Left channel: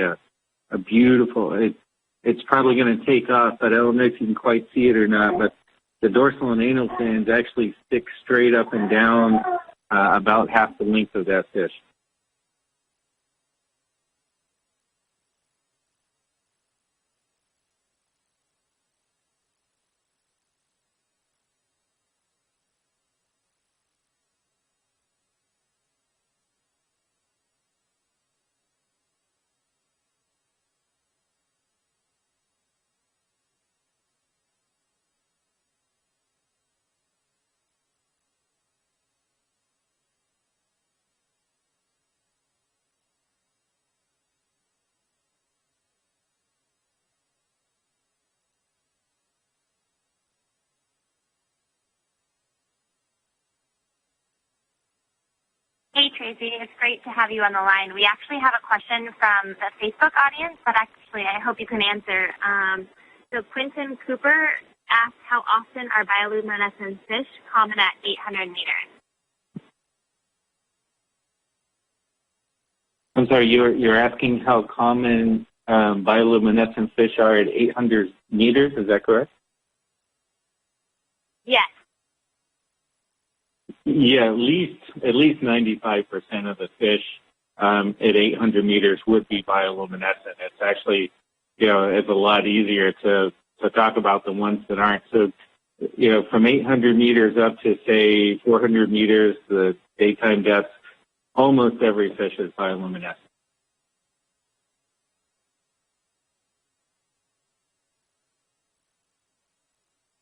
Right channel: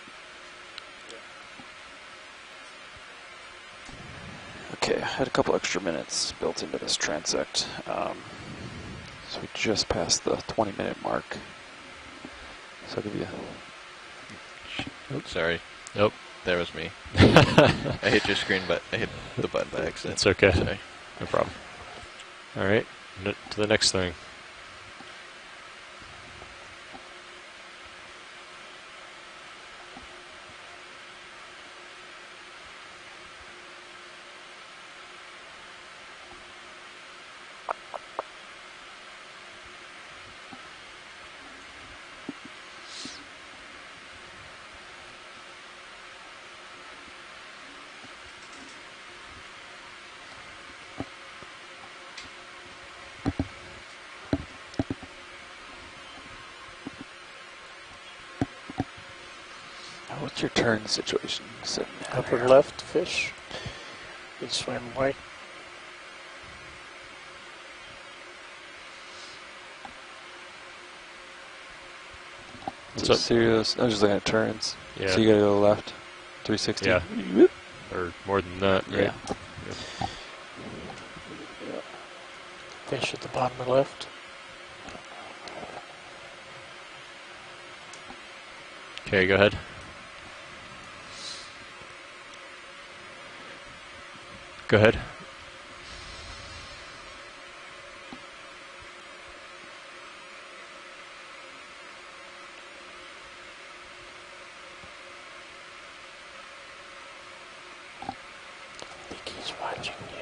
a beautiful. It's probably going to take off, but I don't know if you can quite see it or not. But the dorsal and anal fins actually stick straight up and down about half the length of that fish. So I'll give you. Oops, sorry. Nope, there was me. I hit your screen, but I hit the button by accident. It's okay. Sorry. No problem. All right, to the next thing. Hey Tracy, it's great to have you on the line. We actually have a question from the Facebook audience that actually I hope you can answer. So Quentin Cooper asked how often are bioluminescent fish common at 800 meters? I'm sorry, you're asking how common bioluminescent fish are at 800 meters, is that correct? Yes. Fish at the bottom of the left? Yeah, at least 95% of the fish at 800 meters would be bioluminescent. It's actually, it's a lot easier to talk about the ones that aren't. So, from 800 meters up to, say, 400 meters, the daytime depth, almost every fish is bioluminescent. I think he's watching you.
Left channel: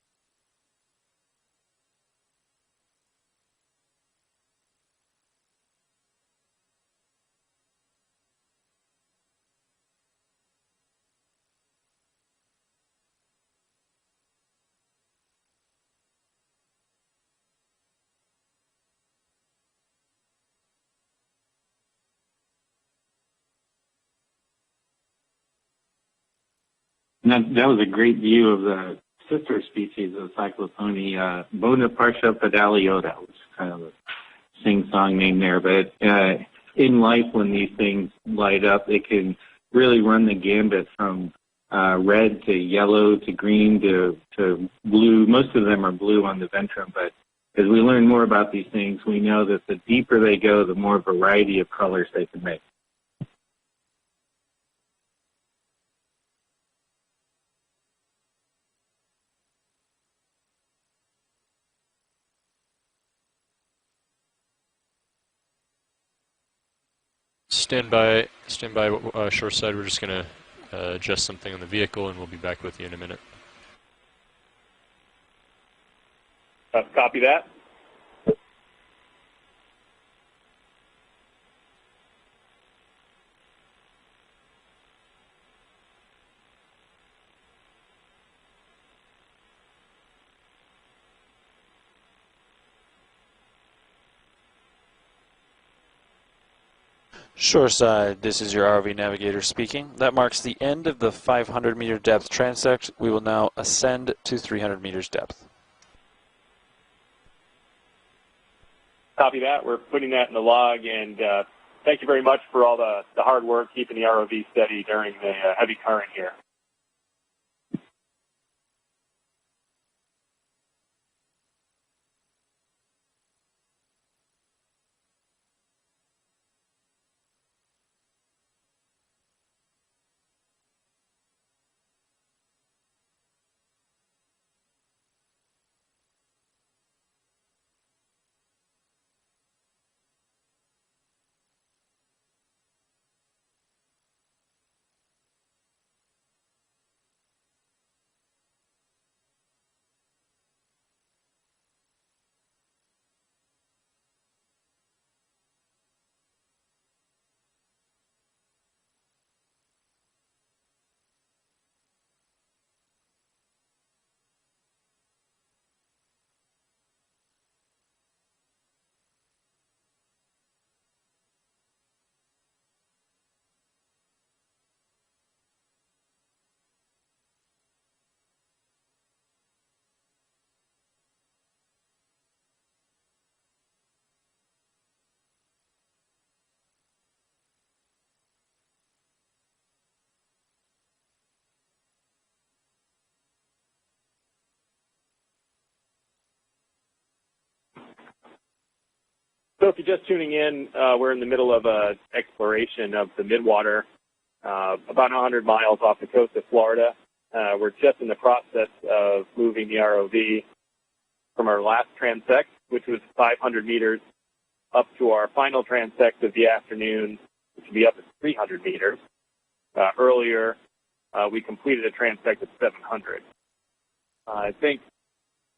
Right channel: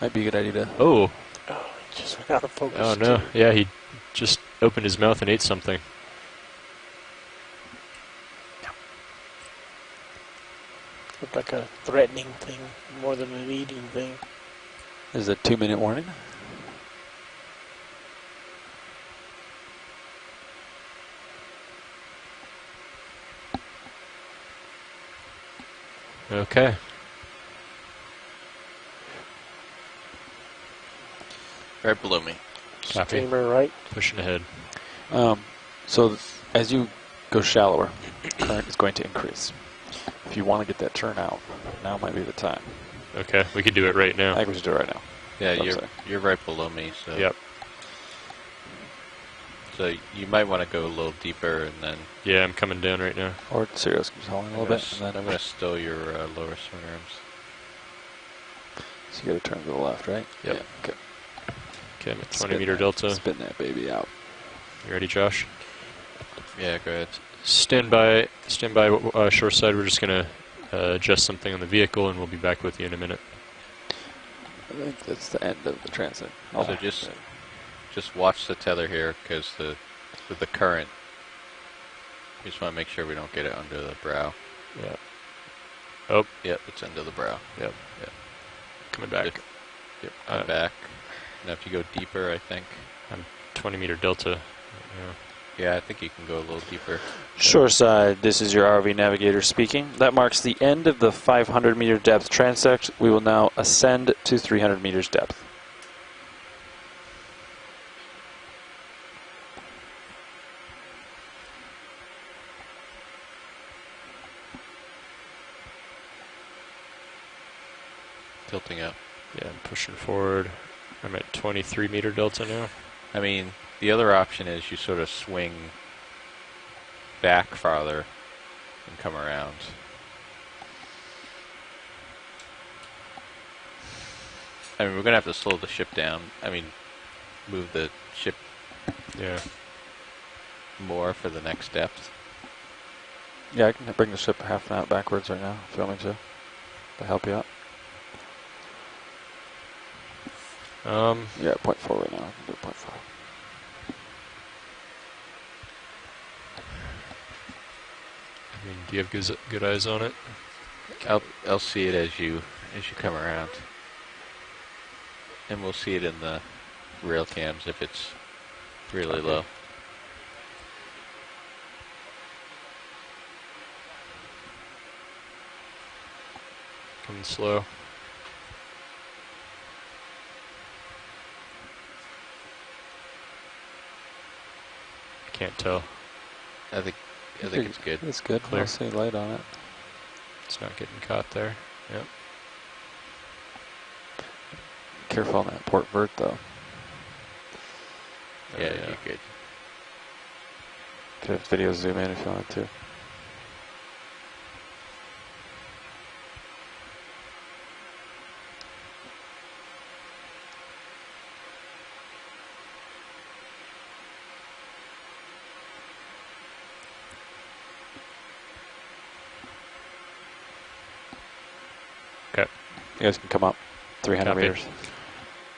Might be a good idea to. Oh. Oh, he just went out of focus. Oh no! Yeah, he just opened his mouth and ate something. Looked like a threatening thing more than an eating thing. Is it a 2-minute warning? Okay. That was a great view of the sister species of Cyclophony, Bona Partia pedaliota. Right? Pushing ahead. Sing-song name there, but it's as you in life go when shallower, these things light up, it can really run the gambit from red to yellow to green we can do it right to now. blue. Most of them are blue on the ventrum, but as we learn more about these things, we know that the deeper they go, the more variety of colors they can make. make. I'm coming down right now. Or Sirius keeps hauling a little bit. And then I'm going to stow your lower swing arms. So you got to turn to the left, right? Yep. Yeah. Okay. Okay, I'm at 20-meter delta. Spin that baby out. You ready, Josh? Yeah, go ahead. Stand by shore side. We're just going to adjust something on the vehicle, and we'll be back with you in a minute. I think that's the end of the transit. So just copy that. Just watch the tether here, because with the current, we just want to make sure we don't get it under the brow. Yeah. Oh. Yep, it's under the brow. Yep. Yep. Coming back. Yep, I'm back. Now if you go deeper, I think. I'm 20-meter delta. Yeah, I think you can go a little deeper. Shoreside, this is your ROV navigator speaking. That marks the end of the 500-meter depth transect. We will now ascend to 300 meters depth. Copy that. We're putting that in the log, and thank you very much for all the hard work keeping the ROV steady during the heavy current here. Tilting up. Yeah, I'm pushing forward. I'm at 23-meter delta now. I mean, the other option is you sort of swing back farther and come around. I mean, we're going to have to slow the ship down. I mean, move the ship more for the next depth. Yeah, I can bring the ship half an hour backwards right now if you want me to help you out. Yeah, 0.4 right now. I can do 0.4. I mean, do you have good eyes on it? I'll see it as you come around, and we'll see it in the rail cams if it's really low. Coming slow. can't tell. I think it's good. It's good. Clear. I'll see light on it. It's not getting caught there. Yep. Careful on that port vert, though. Yeah, you're good. So if you're just tuning in, we're in the middle of an exploration of the Midwater, about 100 miles off the coast of Florida. We're just in the process of moving the ROV from our last transect, which was 500 meters, up to our final transect of the afternoon, which will be up at 300 meters. Earlier, we completed a transect of 700. You guys can come up. 300 meters. I think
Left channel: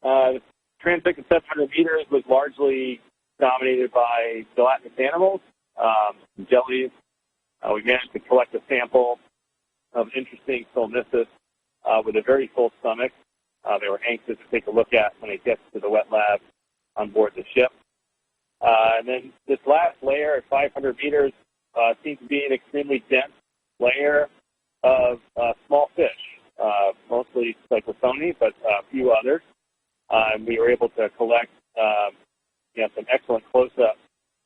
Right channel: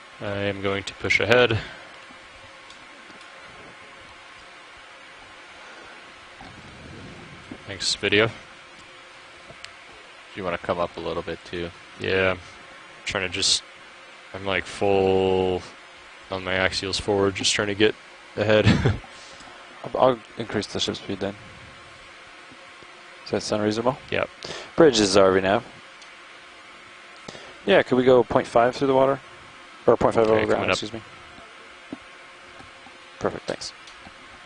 I am going to push transect ahead. of 700 meters was largely dominated by gelatinous animals, jellies. We managed to collect a sample of interesting you want to come up a little bit too? With a very full stomach. Trying to just, they were anxious I'm to like take a look at when they full get to the wet lab. on my axials forward, just trying to get ahead. And then this last layer at increase the 500 speed meters then. seems to be an extremely dense Does that sound reasonable? layer Yeah. Bridges are we now? small fish, mostly. Yeah, could we go 0.5 through the water? Others. Or 0.5 over We the were water, able excuse me. to collect some excellent Perfect, close-up.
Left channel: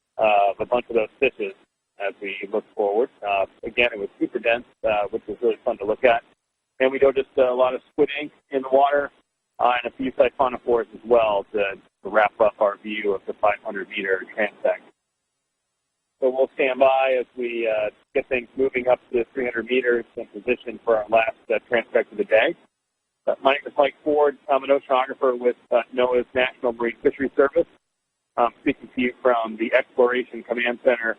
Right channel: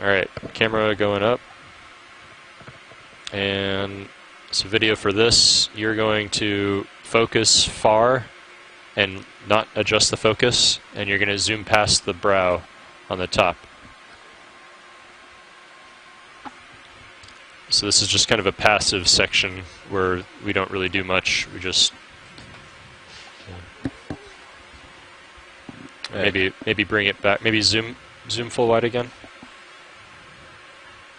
All right, camera going up. As we look forward. And again, it was super dense. so video for this, really you're going to focus far in the water, and not adjust the focus, and you're going to zoom past the brow on the top. 500-meter transect. So we'll stand by as we. So this is just kind of a passive section where we don't really do much. We just Mike Ford, I'm an oceanographer with NOAA. maybe bring it back. Maybe zoom full wide again. From the Exploration Command Center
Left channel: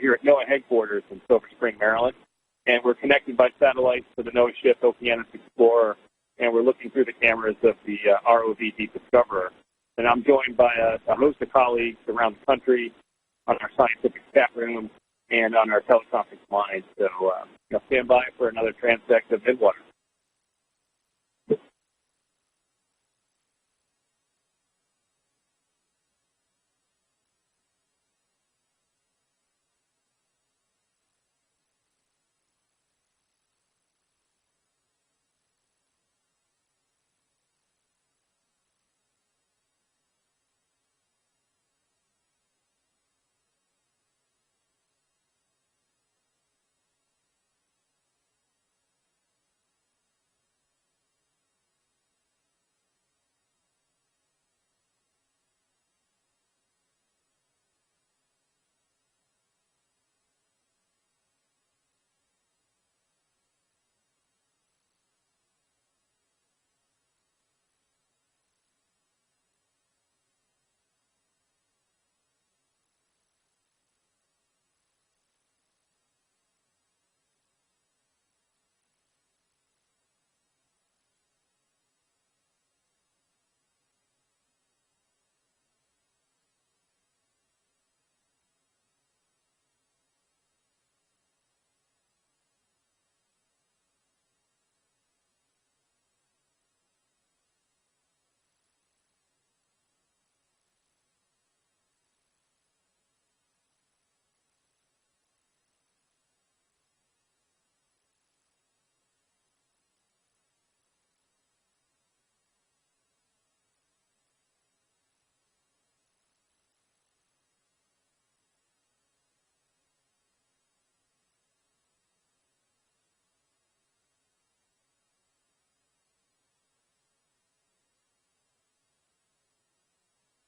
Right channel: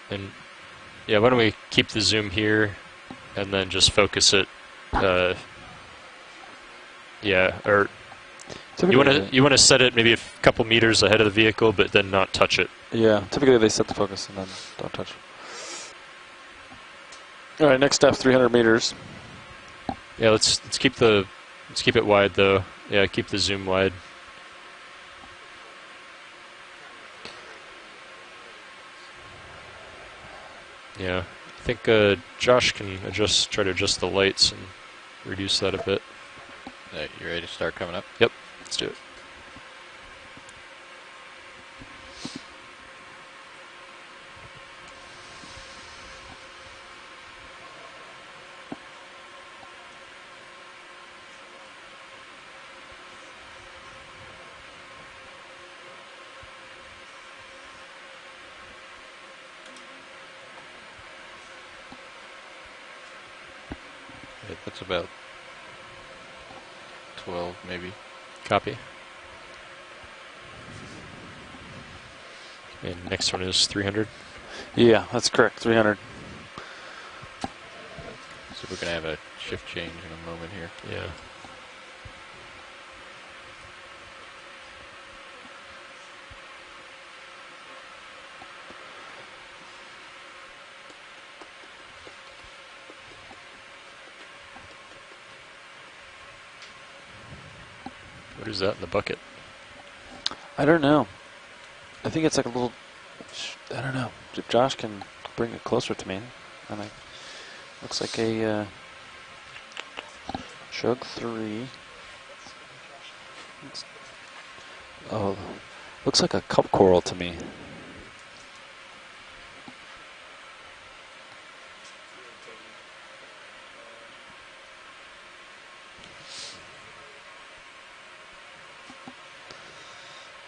here at NOAA headquarters. Yeah, why don't we keep the zoom here, and we're connected by and then just focus it. Okeanos Explorer, and we're looking through the cameras of the ROV. You want to set it maybe a couple meters ahead of the vehicle, but then not touch it. Yeah, typically they set the focus and don't touch it. And on our teleconference line. So. All right, next step 300 meters. Transect of Midwater. Yeah, let's keep it wide though. Yeah, keep the zoom wide. Yeah, I think Josh can try to adjust the lights and reduce that a bit. You ready to start coming up? Yep, let's do it. That's about 12, maybe. Copy. And next one is 300. Yeah, that's correct. 300. So we're going to have a shift change in a moment here. Yeah. What is that in the bucket? I don't know. I think it's like a little, I don't know. If Josh can bring it closer to me. And looks like a Chug 3. Oh, looks like a cup coral to me.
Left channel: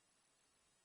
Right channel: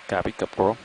Copy, cup coral.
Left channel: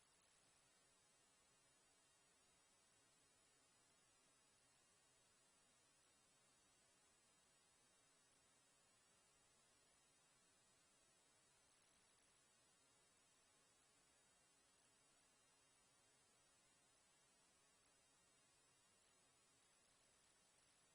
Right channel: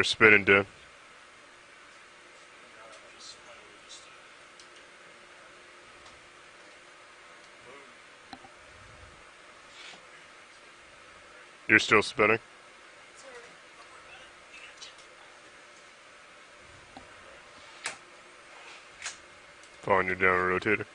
You're spinning, Dan. You're still spinning? Following you down a rotator.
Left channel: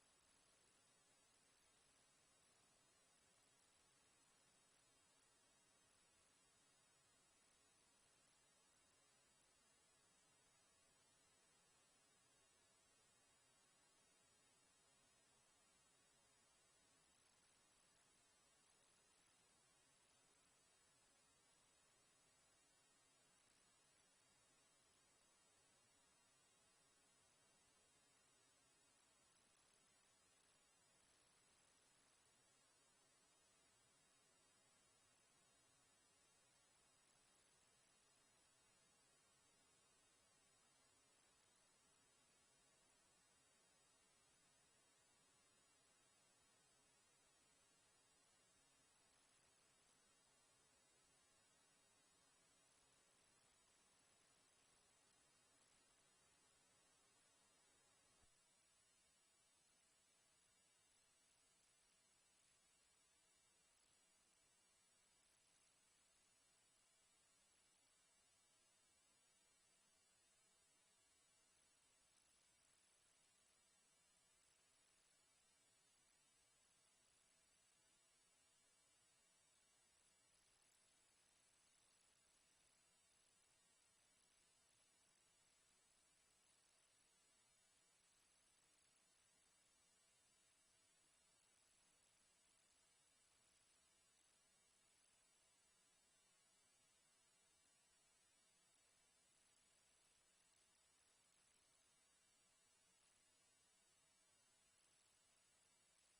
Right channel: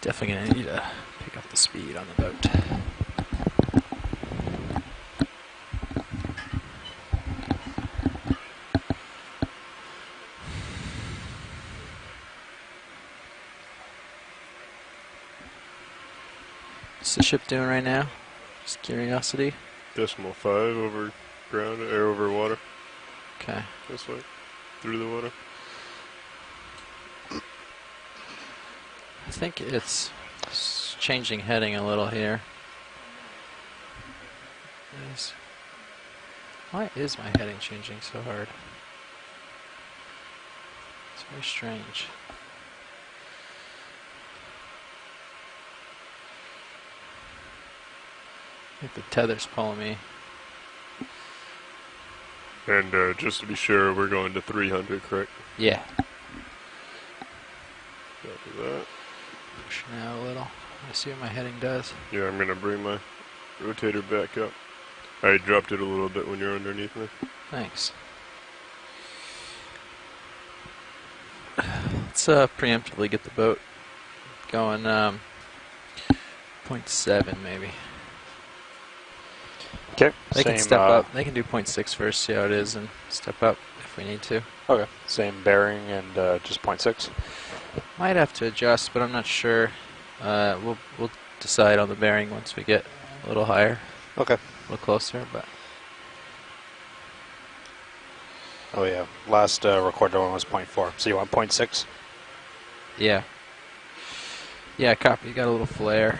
Definitely gonna need to pick up the speed on the boat. What's the ship doing right now? Just curiosity. 0.5 over ground, or over water. Okay. This way, through the water. I think it's changing heading a little here. Why is my heading changing so hard? It's very strange. I think the tether's pulling me. And just to be sure, we're going to 300, correct? Yeah. Copy that. Pushing out a little. I see what my heading does. Yeah, I'm going to bring my rotator back up. I dropped it a little bit when you're underneath me. Thanks. Let's preemptively get the boat going 0.7 maybe. Okay. They can step up. They can do 0.6 first, see how it is, and step up if we need to. Okay. Same bearing and just 0.6. Might have to adjust, but I'm not sure. We'll decide on the bearing once we get a little higher. Okay. A little closer, but. Oh yeah. Last recorded one was 0.4. So you want 0.6? Yeah. Yeah, copy. You got a little flare.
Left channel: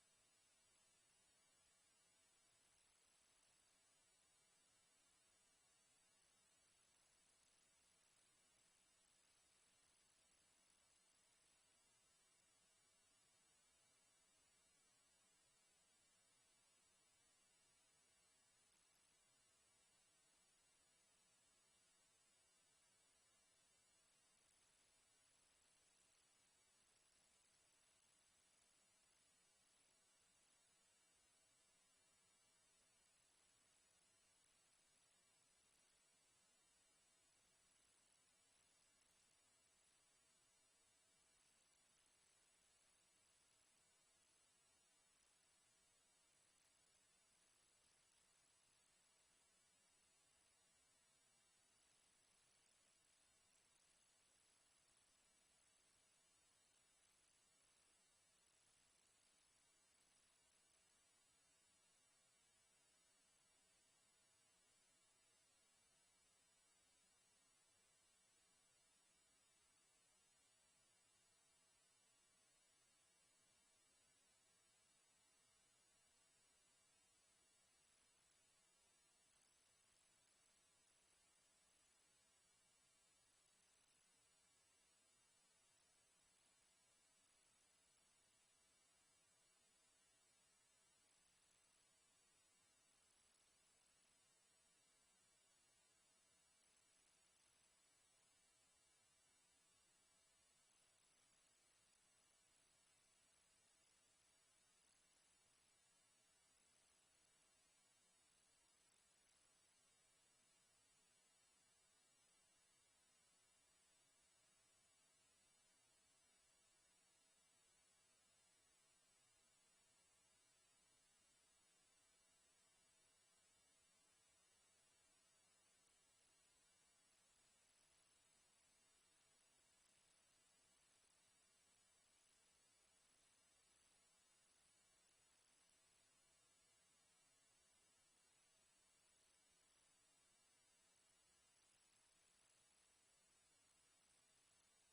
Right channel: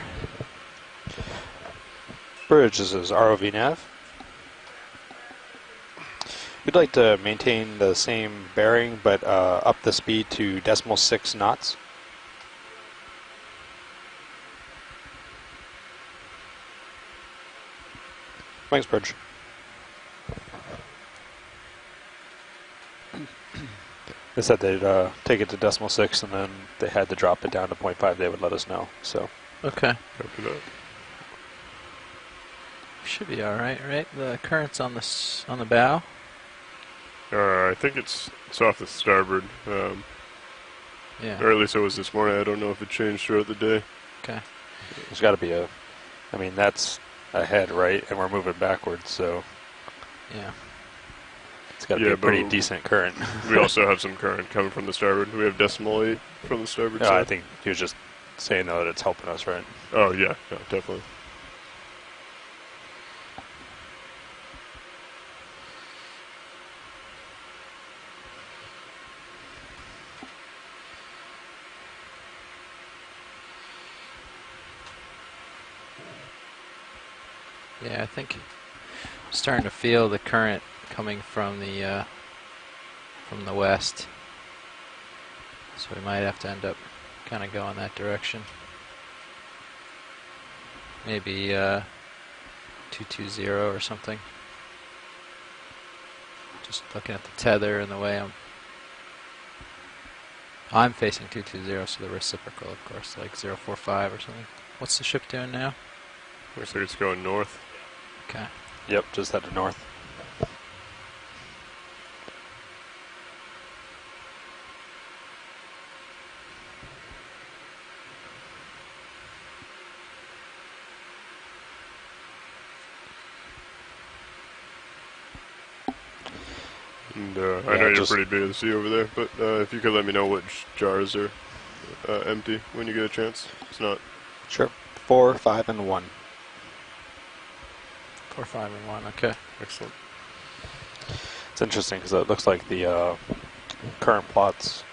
Bridge, this is ROV nav. We'd like to maintain the same bearing, but up the speed to 0.6 knots. Thanks, Bridge. They said they'd take it to 0.6, and then they had to drop it down to 0.5. They would let us know. So. Okay. Copy that. Should be all right, right? The current's on the bow. I think it's off the starboard. Yeah. Or at least it was this morning. I don't know if it changed throughout the day. Okay. There's got to be a. I mean, that's ahead, right? And we're moving backwards, so. Yeah. It's got to be a pretty decent current. We also have some current coming from the starboard. We have 0.8 from the starboard side. I think he was just saying, though, that it's helping us, right? Oh, yeah. No, definitely. Yeah, I think I'm starting to feel the current coming from the west. So we might have to end up kind of going that direction. maybe 220 or something. Just looking at the tether and the way I'm facing 220, so the reciprocal, of course, like 045 or something. What's the ship doing now? Looks like it's going north. Okay. Yep, just headed north. And I know you're pretty busy over there, but if you could let me know which jars are empty when you get a chance. It's not. Sure. 4, 5, and 1. 4, 5, and 1. Okay. Excellent. It's interesting because it looks like the current plot's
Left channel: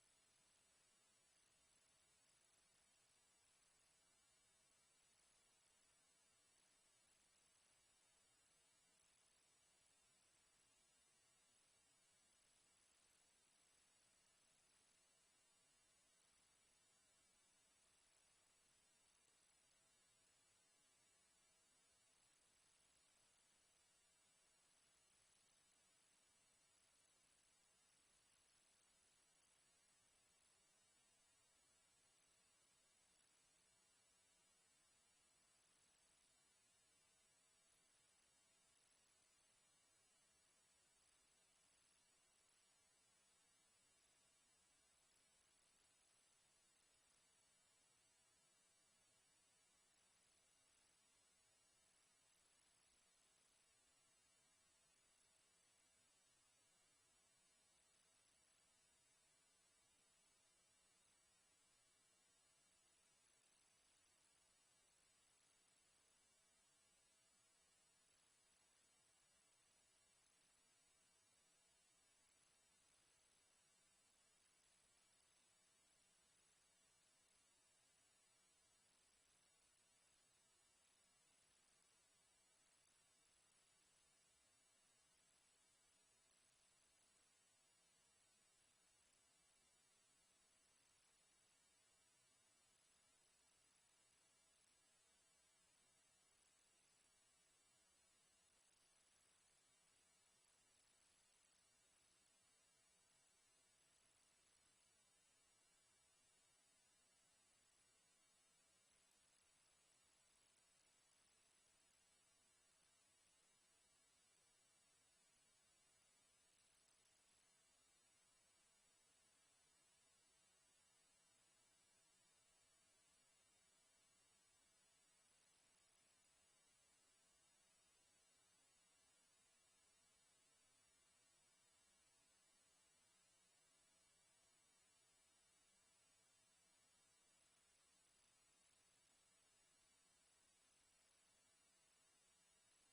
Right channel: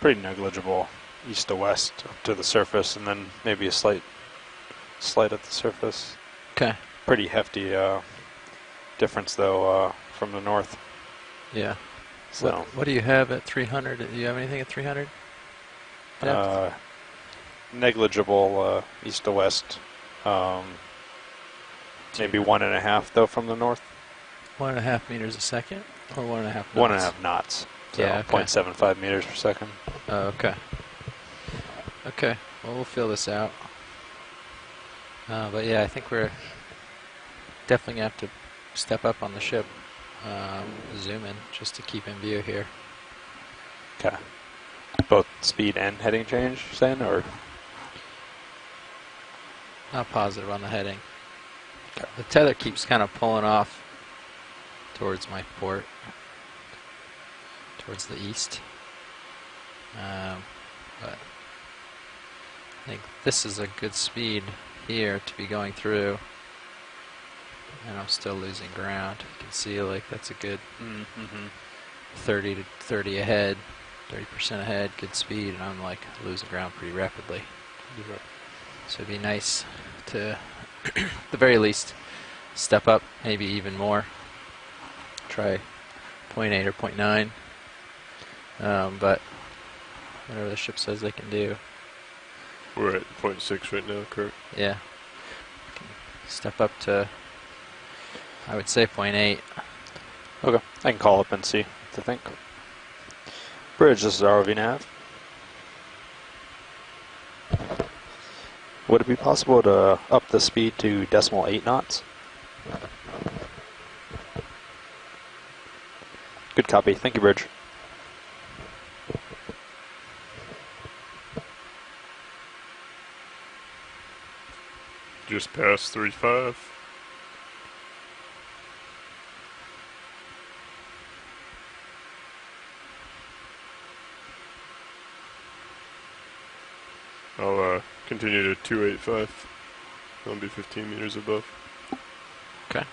pretty negligible east to west up to the surface, and then maybe a slight at the surface. Okay. Pretty hefty difference though from the north. Yeah. So what do you have at 300? Do you have anything at 300? Negligible east to west. Maybe 1.5 though from the north. 1.5 meters a second, or 1.5 knots? 1.5 knots. So yeah. Okay. 0.75 meters per second. Oh, okay. Okay. Well, we'll feel this out. But yeah, I think we're definitely gonna have to step up on the ship. Zoom in just to keep in view here. Okay. Both speed and heading change, you're saying, or? Not positive on the heading. Okay. The tether keeps kind of pulling off towards my port, towards the east. But I think this is a good speed here to be going through. And I'm still losing ground. You can see like that's a good 30 to 30 ahead, 30% ahead, good speed, and I'm like losing ground pretty rapidly. So it'd be nice to, at the very least, step up, maybe even more. Try 0.8 or 0.9, but whatever the ship says they can do. We're at 0.6 right now, correct? Yeah. Step up to, I would say 0.8. Okay, I can call up and see what to think. Bridge, this is ROV nav. Would it be possible to up the speed to 0.8 knots? Good copy. Thank you, Bridge. Just past 3.5. I'll continue to 285. I'll be 15 meters above. Okay.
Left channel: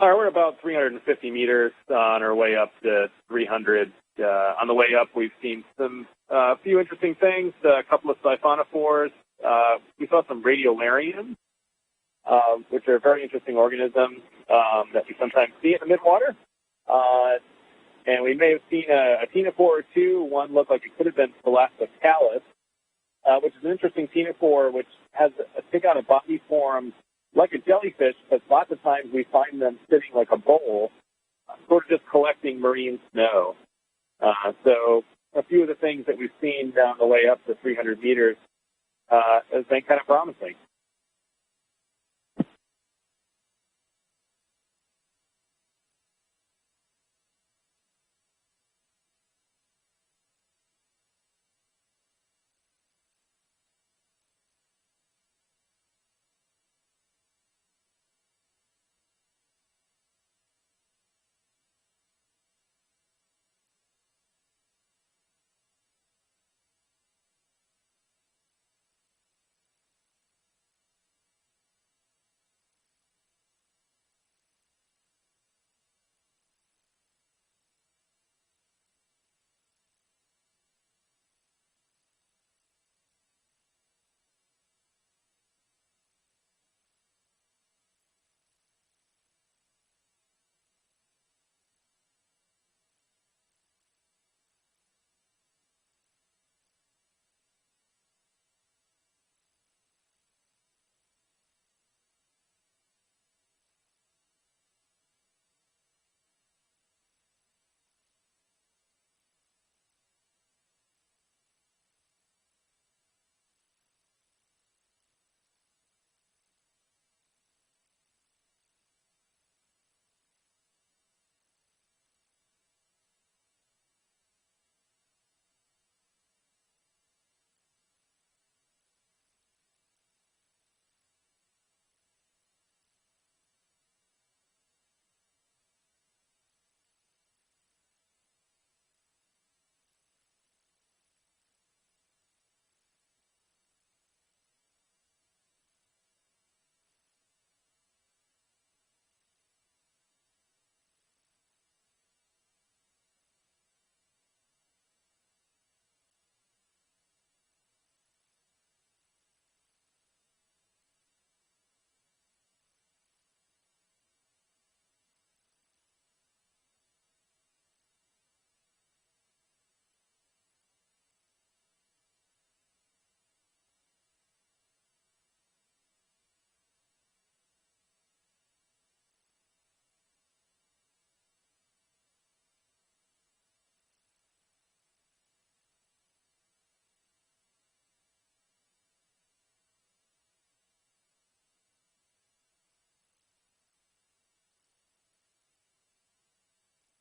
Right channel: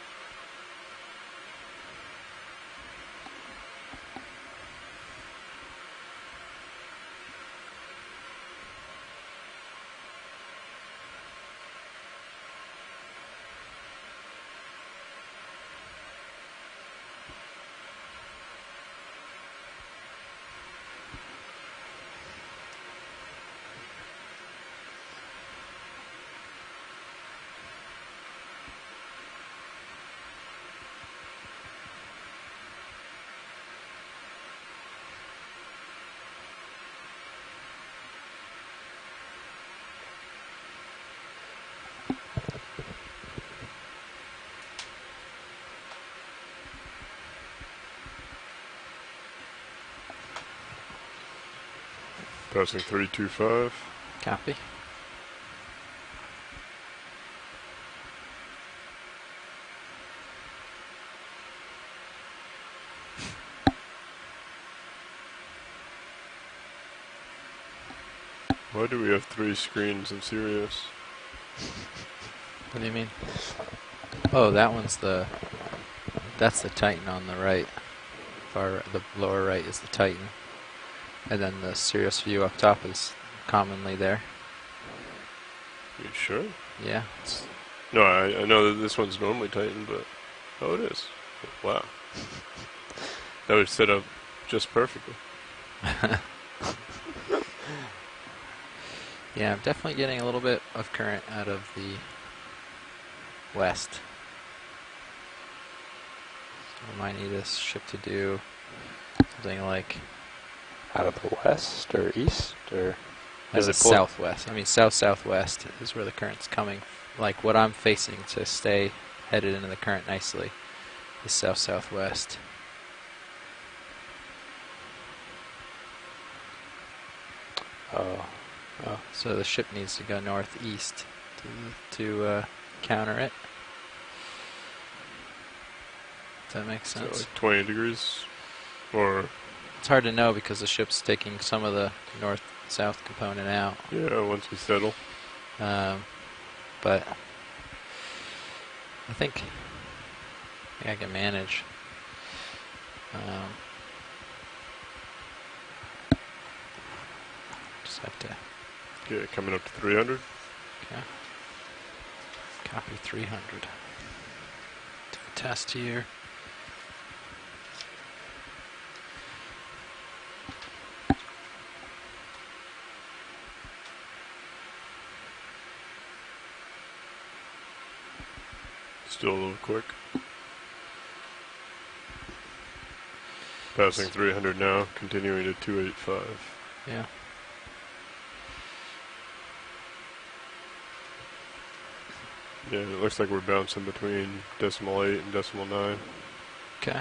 All right, we're about 350 meters on our way up to 300. On the way up, we've seen some few interesting things, a couple of siphonophores. We saw some radiolarians, which are very interesting organisms that we sometimes see in the midwater. And we may have seen a ctenophore or two. One looked like it could have been Thalassocalis, which is an interesting ctenophore, which has take on a body form like a jellyfish, but lots of times we find them sitting like a bowl, sort of just collecting marine snow. So a few of the things that we've seen down the way up to 300 meters has been kind of promising. Passing 325. Copy. Why do we have 3 screens in Sirius? What do you mean? Oh, that one's that's the Titan on the right. The lower right is the Titan. And then the Sirius view up top is commonly there. You sure? Yeah. No, I know that this one's normally Titan, but... Oh, it is. Wow. That was set up just perfectly. Yeah, I'm definitely getting a little bit of current out of the west. So I might need this ship to do something like... Out of the west or east, or is it southwest? I mean, south-southwest is where the current's coming. Like what I'm facing to stay headed into the current nicely is south-southwest. So the ship needs to go northeast to counter it. Does that make sense? So like 20 degrees? Or... It's hard to know because the ship's taking some of the north-south component out. Yeah, once we settle. But I think I can manage. Just have to... Okay, coming up to 300. Okay. Copy 300. Do a test here. Still a little quick. Passing 300 now, continuing to 285. Yeah. Yeah, it looks like we're bouncing between decimal 8 and decimal 9. Okay.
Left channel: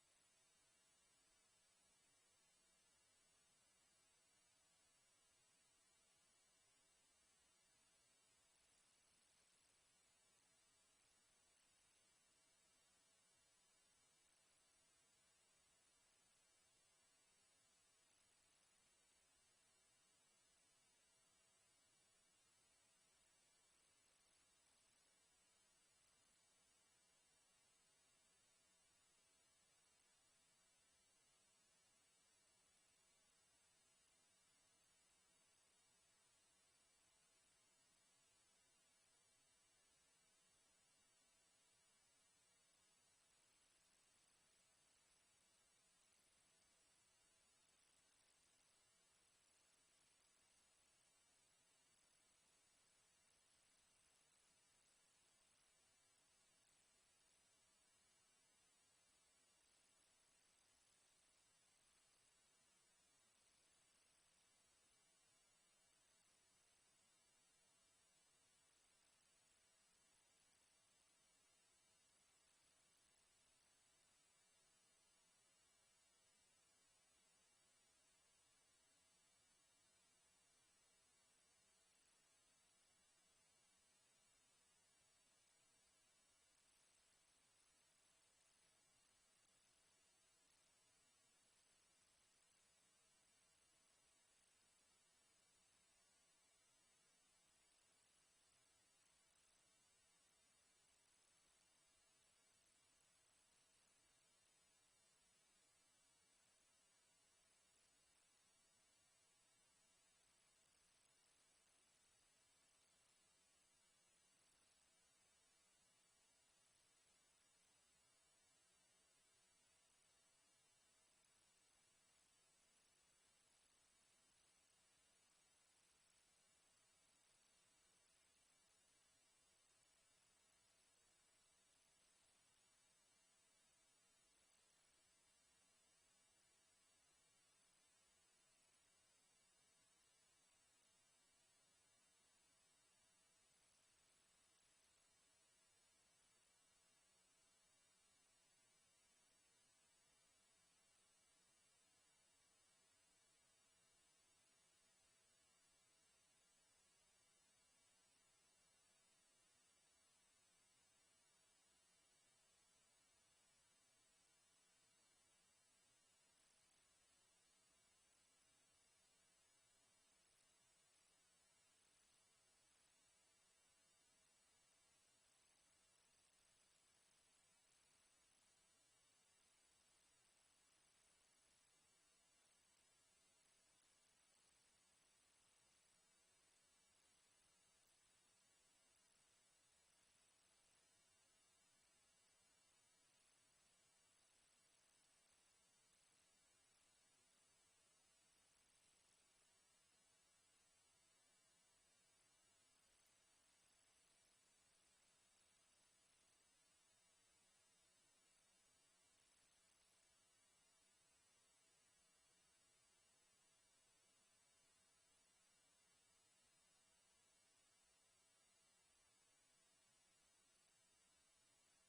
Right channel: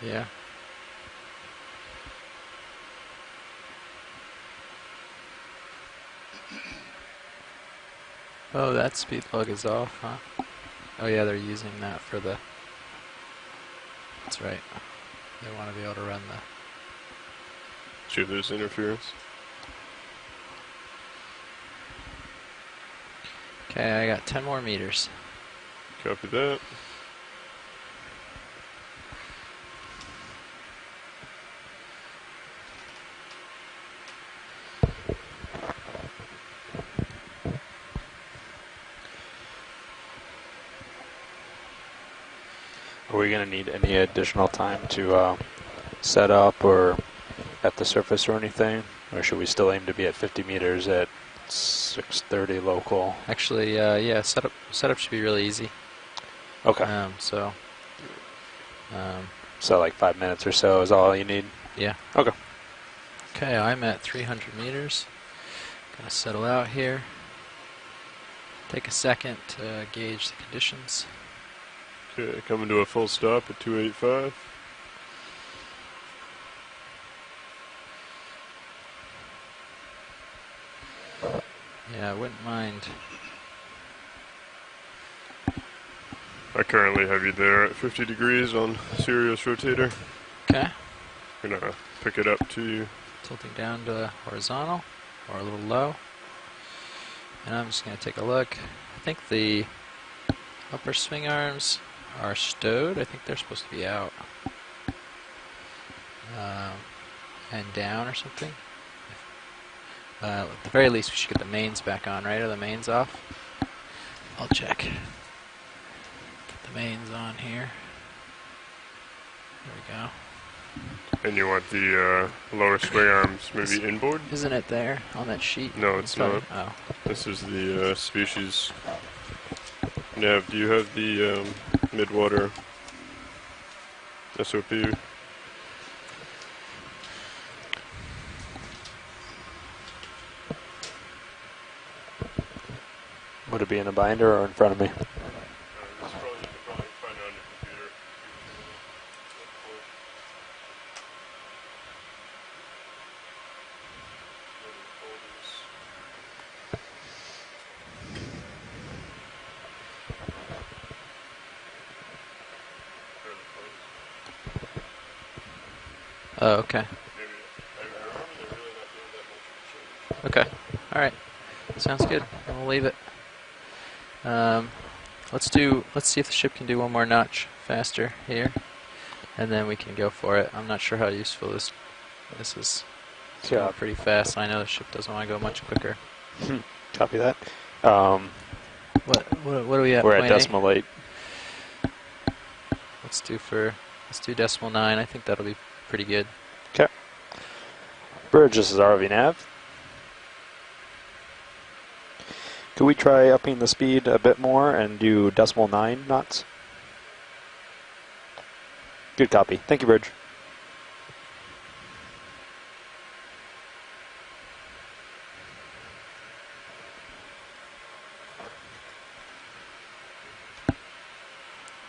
Yeah. Oh, that speed log is off, huh? Oh yeah, they're using that for the... That's right. They want to be able to run the... See if there's interference. Okay, I got 10 more meters. Copy that. Are we going to need any additional time to set up or at the surface or anything? Or should we still aim to be at 50 meters at 6:30 local? Actually, yeah, setup should be really easy. Okay. So like 5 minutes or so is all you need? Yeah. Okay. Okay, I'm at 300 meters. Gonna settle out here. Take a second to gauge the conditions. Okay, coming to a full stop at 285. Yeah, I wouldn't mind. I currently have you there at 50 degrees on Sirius rotator. Okay. Gonna pick it up to you. Tilting down to horizontal or a little low. And I'm just gonna take a look. I think the upper swing arms are stowed. I think they're supposed to be out. And down or something. At the very least, we should get the mains back on, right? Are the mains off? I'll check. Put the mains on here. There we go. And you want the lower swing arms maybe inboard? Isn't it there on that sheet? No, it's not. Oh. This is the species. Nav, do you have the midwater SOP? Would it be in a binder or in front of me? Oh, okay. Okay. All right. Sounds good. We'll leave it. Let's see if the ship can do one more notch faster here, and then we can go for it. I'm not sure how useful this is. It's going pretty fast. I know the ship doesn't want to go much quicker. Copy that. What are we at? We're at decimal 8. Let's do decimal 9. I think that'll be pretty good. Okay. Bridge, this is ROV nav. Could we try upping the speed a bit more and do decimal 9 knots? Good copy. Thank you, Bridge.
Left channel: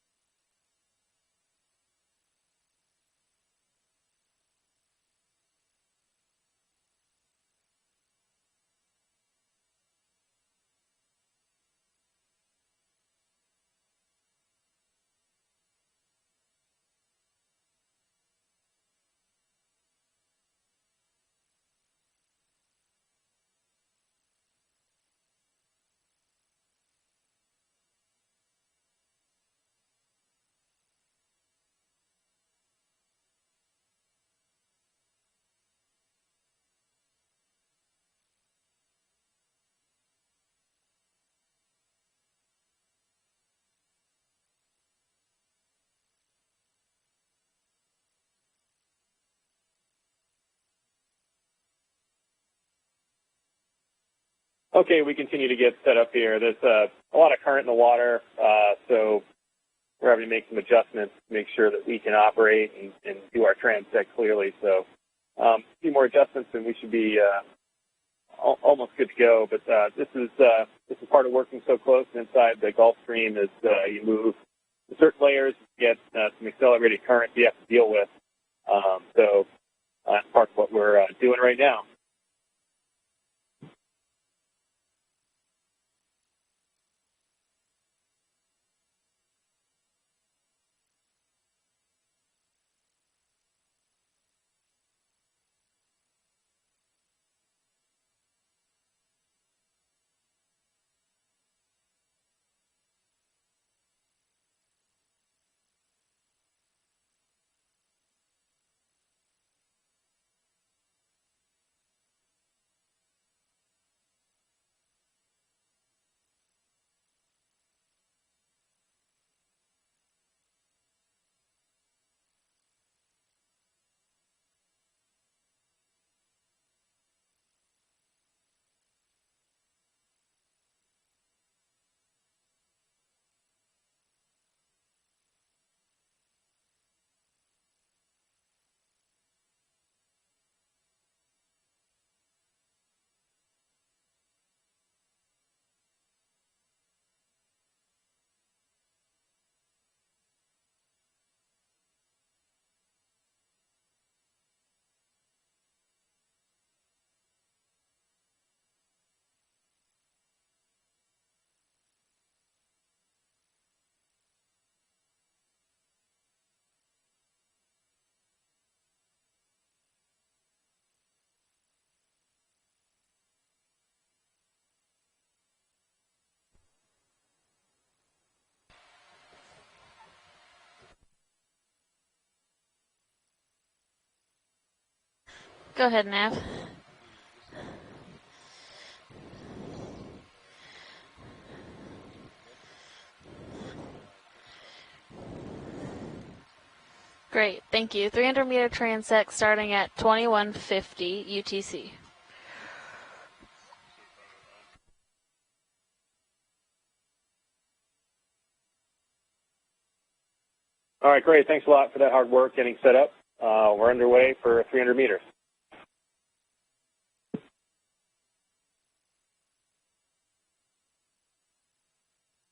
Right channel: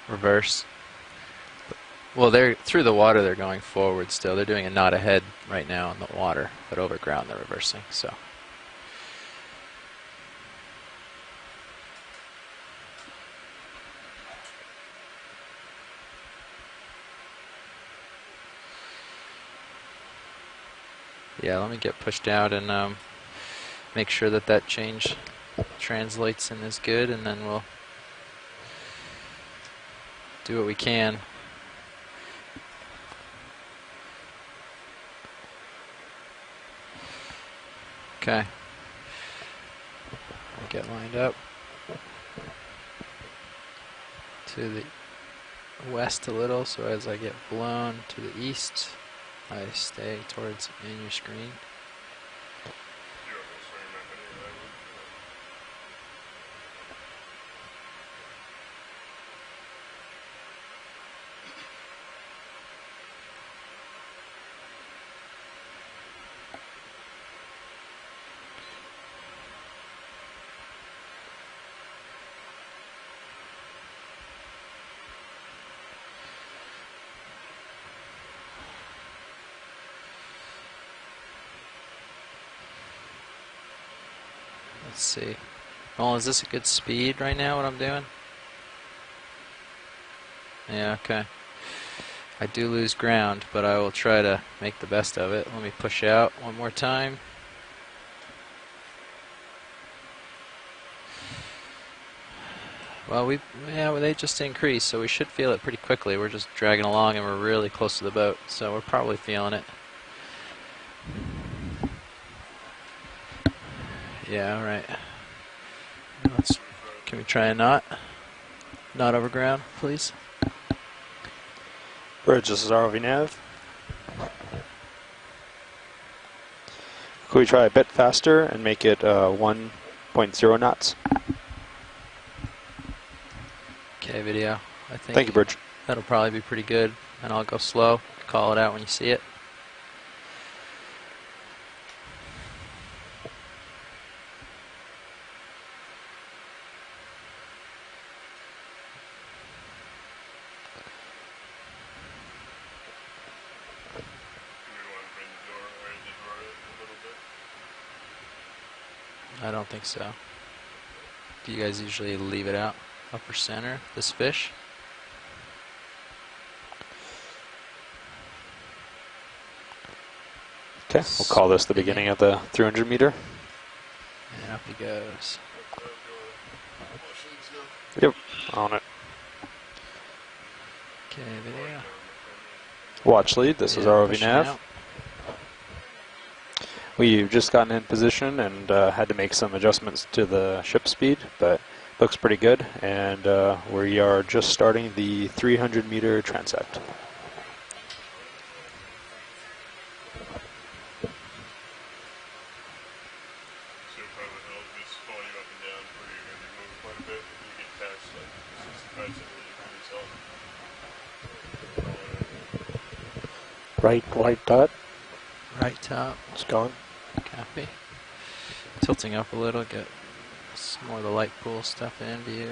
Reverse. Well, they're through the water. They're going forward still. They're doing a knot ahead right now in the water, but over ground they're reversing. So. Yeah, let me get pushed out and make sure that change translates and is good, and then we'll do what we can. Okay. I'll get lined up to the west a little, so as I get blown to the east, I stay towards in your screen. Okay, we continue to get set up here. There's a lot of current in the water, so we're having to make some adjustments to make sure that we can operate and do our transect clearly. So a few more adjustments and we should be almost good to go. But this is part of working so close inside the Gulf Stream as you move to certain layers, you get some accelerated current you have to deal with. So that's part of what we're doing right now. Let's see. Well, is this a good speed right now, what I'm doing? Yeah, okay. I do lose ground, but I will try to make the best of it. Let me push out one more time. Well, they just increased, so we should feel it pretty quickly. We're just dragging along, and we're really close to the boat, so we're probably feeling it. Yeah, all right. Can we try a knot? Knot over ground, please. Bridge, this is ROV nav. Could we try a bit faster and make it 1.0 knots? Okay, video. I think Thank you, Bridge. that'll probably be pretty good, and I'll go slow. Call it out when you see it. I don't think so. Do you guys usually leave it out? Upper center, this fish? Okay, we'll call this the beginning of the 300 meter. And up he goes. Yep, on it. Okay, video. Watch lead, this is ROV nav. Out. Go ahead, Nav. We've just gotten in position and had to make some adjustments to the ship speed, but looks pretty good. And we are just starting the 300 meter transect. Great, thank you. 300 meter transect starting at 2150 UTC. All right, great. Thanks a lot for that hard work getting set up. We're underway for 300 meters. Right top. It's gone. Copy. Tilting up a little, get some more of the light pool stuff in view.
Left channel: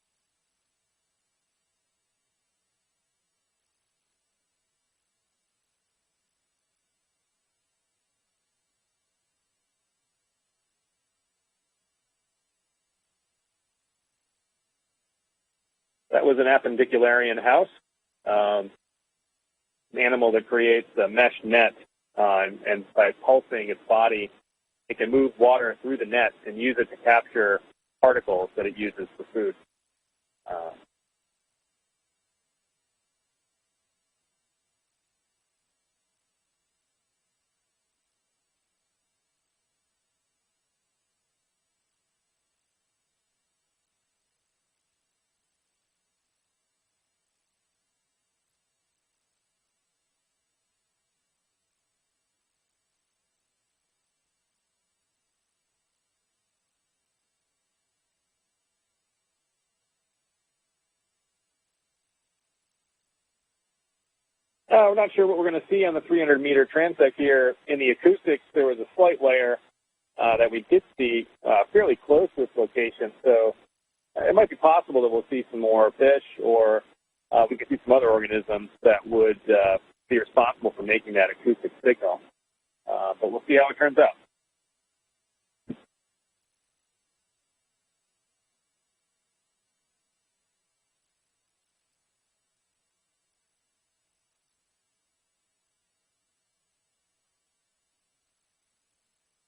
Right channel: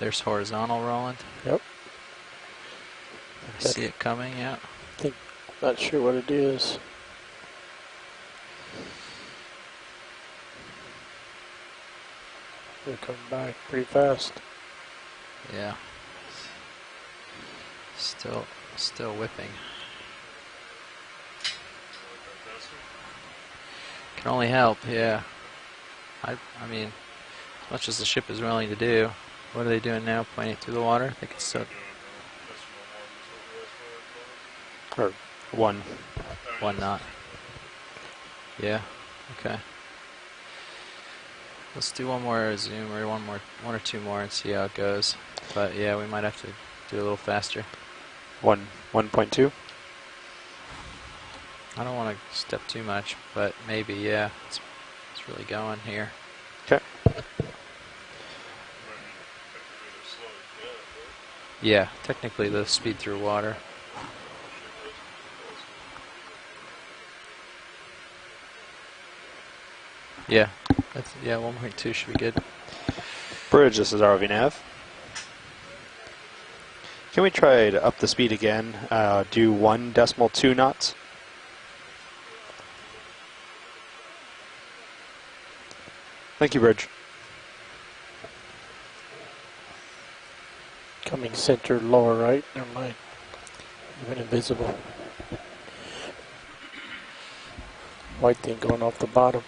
There's horizontal rolling. Yep. I see it coming, yeah. Not sure what it is. They're coming back pretty fast. Yeah. That was an appendicularian house. Still whipping. animal that creates a mesh net, and by pulsing its body, can only help. it Yeah. can move water through the net and use it to capture as much as the ship is particles willing that to it do. uses for food. What are they doing now? Pointing through the water? They can still. Or one. One knot. Yeah. Okay. Let's do one more zoom or one or two more and see how it goes. But yeah, we might have to do a little faster. 1.2. I don't want to step too much, but maybe, yeah. It's really going here. Okay. Yeah, technically the speed through water. I'm not sure what we're going to see on the 300-meter transect here. In the acoustics, there was a slight layer that we did see fairly close to this location. So Bridge, this is ROV it might be possible that we'll see some more fish or... Can we try to up the speed again? Do 1.2 knots? For making that acoustic signal. But we'll see how it turns out. Thank you, Bridge. Coming center, lower right. Never mind. Even invisible. White thing going off the bottom.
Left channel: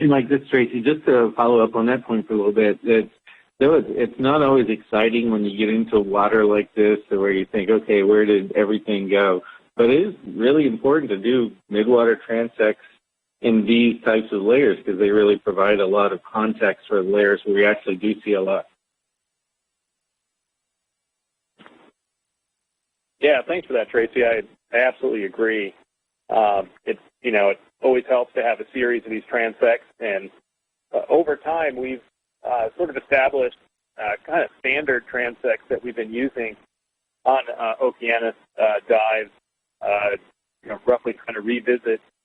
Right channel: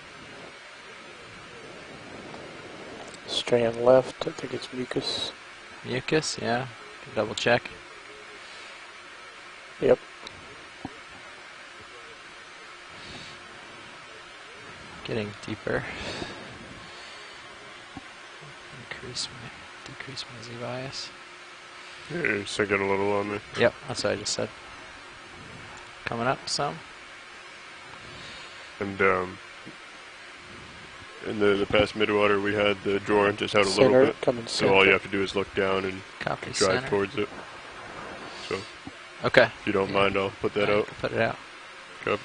And like this, Tracy, just to follow up on that point for a little bit, that it's not always exciting when you get into water like this, to where you think, okay, where did everything go? But it is really important to do midwater transects in these types of layers because they really provide a lot of context for layers where we actually do see a lot. Decrease my Z bias. Yeah, you're sinking a little longer. Yeah, thanks for that, Tracy. I absolutely agree. Coming up some. It always helps to have a series of these transects, and over time, in the past midwater, we had the drawer just out a little bit, so all you have to do is look down and drive towards it. On Okeanos dive. Okay. If you don't mind, I'll put that out. Roughly kind of revisit some of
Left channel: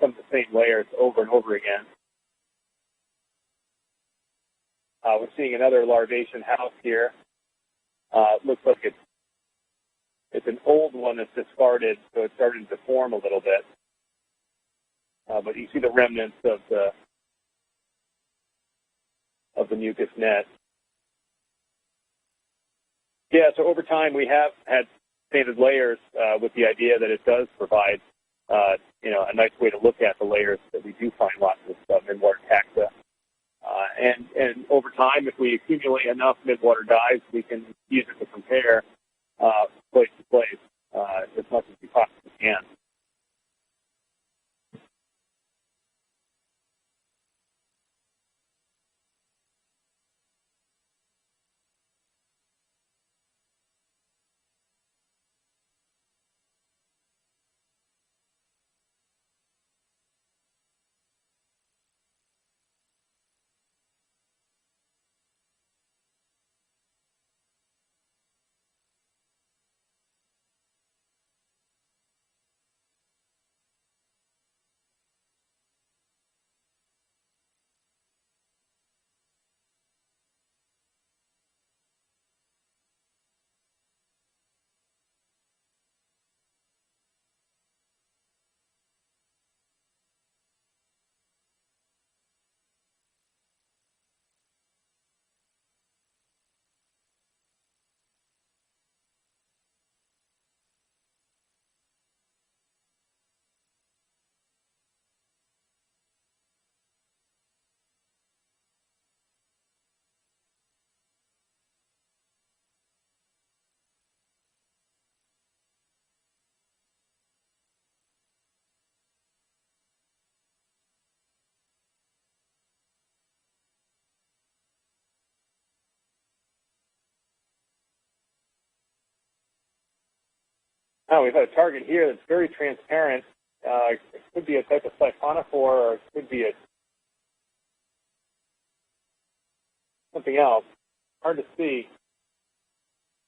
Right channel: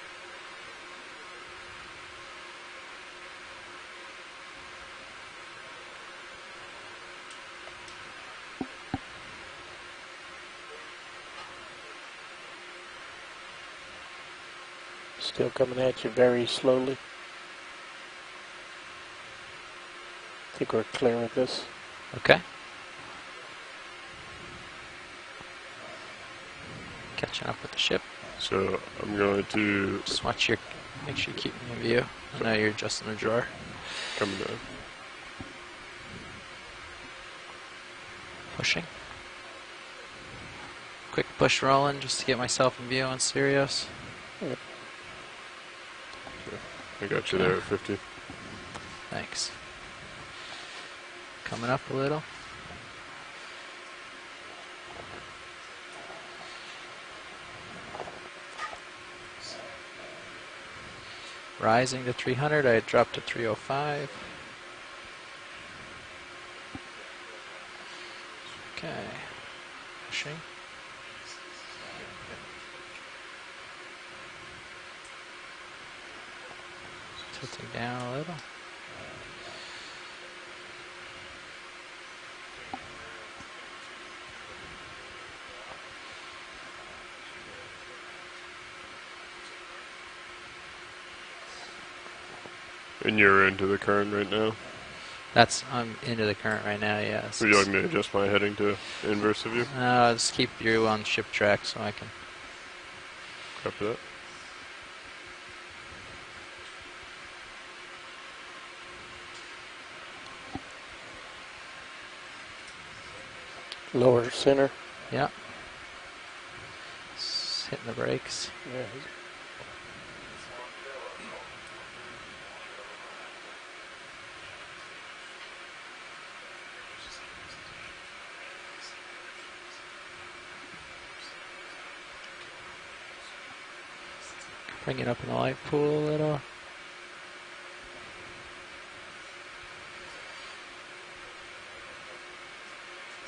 the same layers over and over again. We're seeing another larvation house here. It looks like it's an old one that's just started, so it's starting to form a little bit. Still coming at you very slowly. Of the mucus net. I think we're clear with this. Okay. Yeah, so over time we have had painted layers with the idea that it does provide a nice way to look at the layers that we do find lots of midwater now you're just in a drawer. And over time, if we accumulate enough midwater dives, we can use it to compare place to place. Quick push rolling just to get myself in view on Sirius. I got you there at 50. Thanks. Coming up a little. Rising to 300, I dropped to 305. Okay. Pushing. Tilting down a little. And you're into the current right now? I'm into the current right now, yeah. Would you like me to adjust my heading to inverse of you? No, just keep you on ship track so I can... Copy that. Lower center. Yeah. Just hitting the brakes. Yeah. We've got a target here that's very transparent. It could be a type of siphonophore, or it could be something else. Hard to see.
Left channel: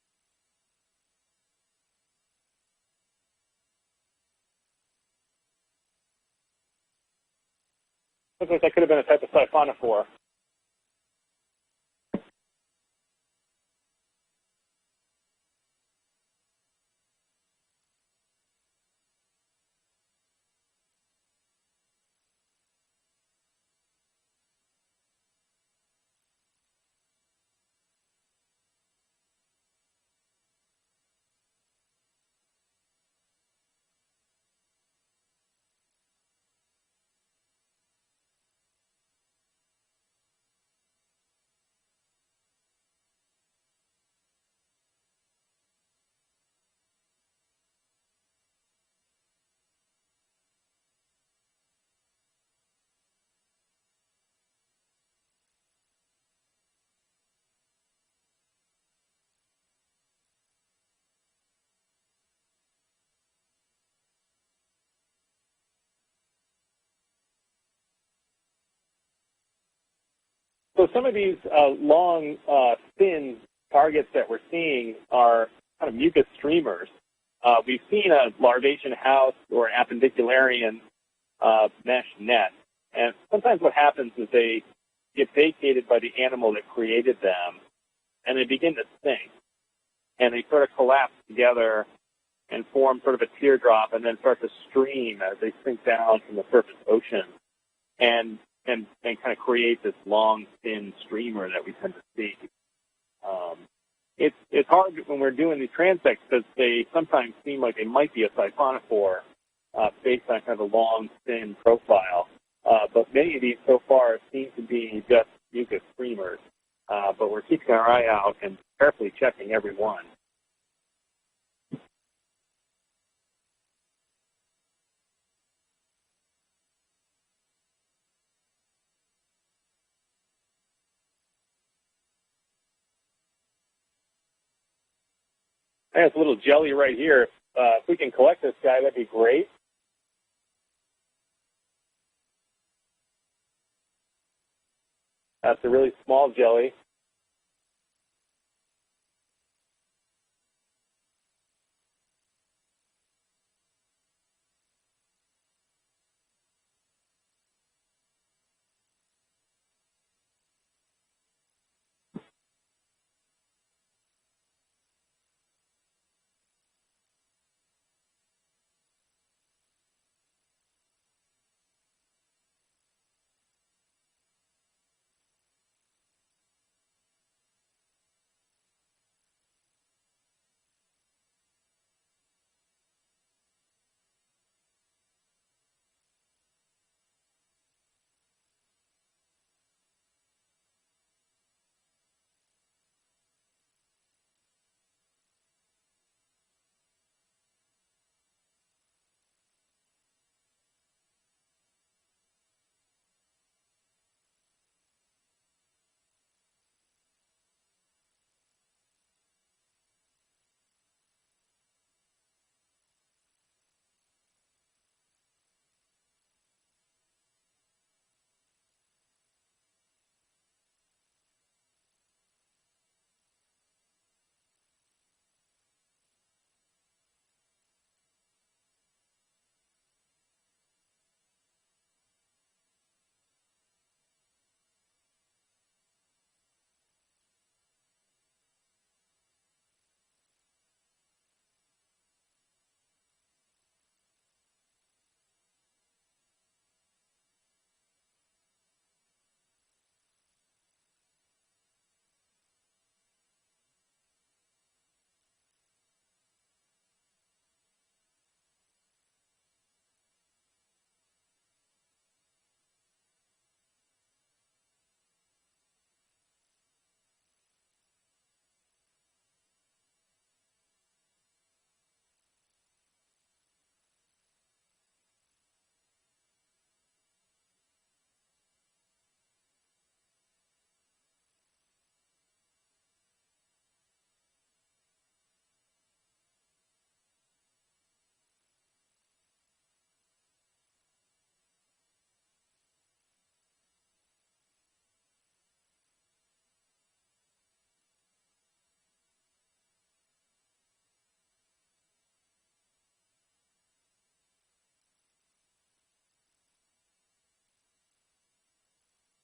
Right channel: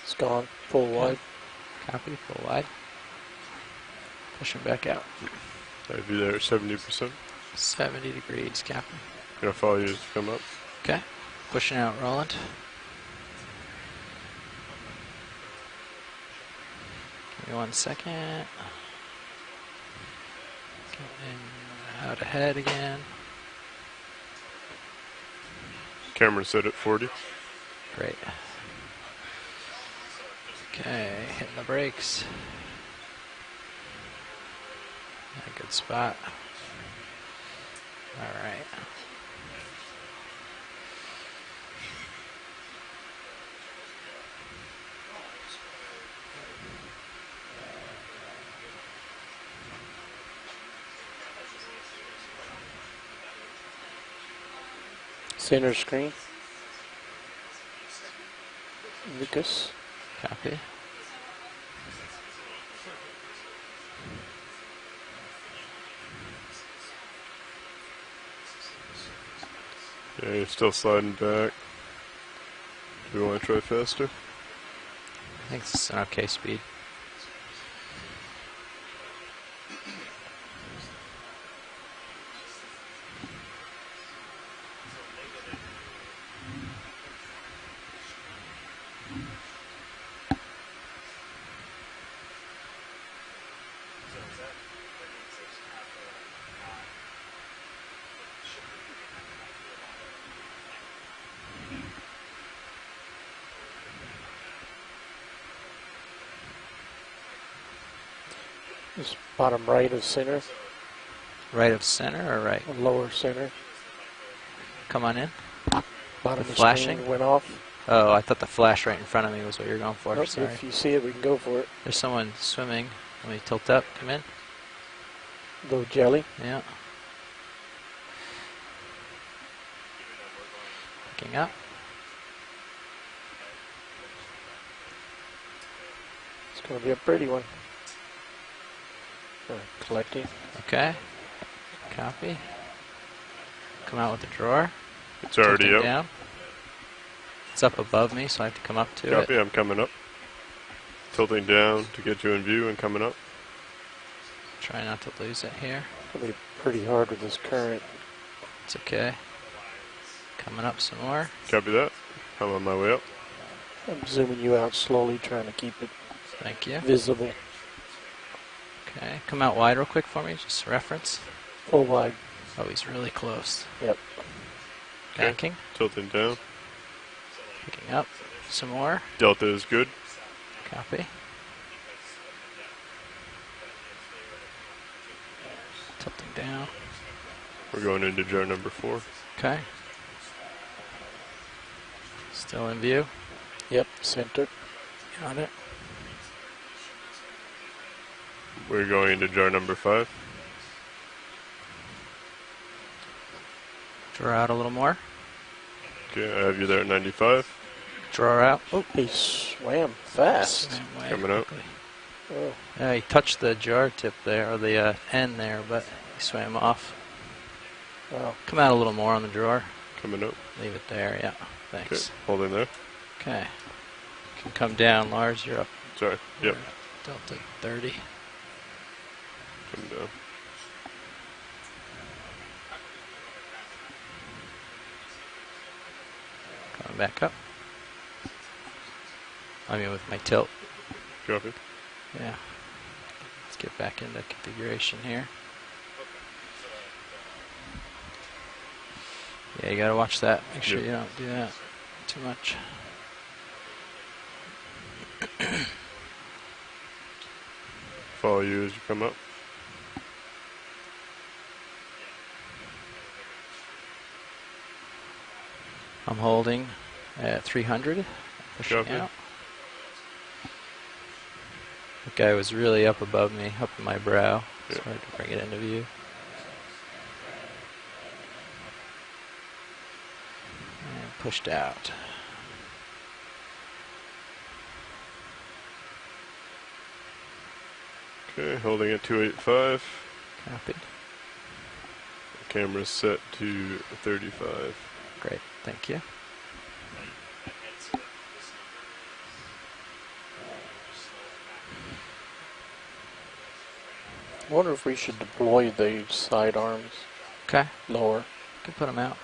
It's gone. Full wide. Copy, full wide. Pushing back out. I'd be there at 70%. 70 degrees. I think that could have been a type of siphonophore. Come up. Okay. Pushing out, Roland. Give me 1 second. Getting out ahead again. Camera set at 40. Great. Okay, hitting the brakes. A good spot. All right. Center screen. Lucas. Copy. Yeah, you're still So sliding some of these back. long, thin targets that we're seeing are kind of mucus streamers. We've seen a larvation house or an appendicularian mesh net, and sometimes what happens is they get vacated by the animal that created them, and they begin to sink, and they sort of collapse together and form sort of a teardrop, and then start to stream as they sink down from the surface ocean, and kind of create this long, thin streamer that we tend to see. It's hard when we're doing these transects because they sometimes seem like they might be a siphonophore. Bottom right of based center. on kind of a long, thin Right profile. of center or right? But many of these so far seem to be Come on just in. mucus streamers. Bottom Flashing? went But we're off. keeping our eye Oh, I out thought the and flash right in carefully front of me checking was what you were going every for. Nope, Sorry. if you see it, we can go for it. There's someone swimming. Let me tilt up. Come in. Low jelly. Yeah. Picking up. I think it's a little jelly right here. If we can collect this guy, that'd be great. Collecting. Okay. Copy. Come out with the drawer. It's already up. Small jelly. It's up above me, so I have to come up to Copy, it. I'm coming up. Tilting down to get you in view and coming up. Try not to lose it here. It'll be pretty hard with this current. It's okay. Coming up some more. Copy that. I'm on my way up. I'm zooming you out slowly, trying to keep it Thank you. visible. Okay. Come out wide real quick for me, just reference. Full wide. Oh, he's really close. Yep. Backing. Tilting down. Picking up some more. Delta is good. Copy. Tilting down. We're going into jar number 4. Okay. Still in view. Yep, center. Got it. We're going into jar number 5. Draw out a little more. Okay, I have you there at 95. Draw out. Oh, he swam fast. Swam way Coming out. quickly. Oh. Yeah, he touched the jar tip there, or the end there, but he swam off. Wow. Come out a little more on the drawer. Coming up. Leave it there, yeah. Thanks. Okay, holding there. Okay. Can come down, Lars. You're up. Sorry, yep. Delta 30. Coming down. Coming back up. I mean, with my tilt. Copy. Yeah. Let's get back into configuration here. Yeah, you gotta watch that. Make sure you don't do that too much. Follow you as you come up. I'm holding at 300. Pushing Copy. out. The guy was really up above me, up in my brow. It's hard to bring it into view. And pushed out. Okay, holding at 285. Copy. Camera's set to 35. Great, thank you. I wonder if we should deploy the side arms. Okay. Lower. Can put them out.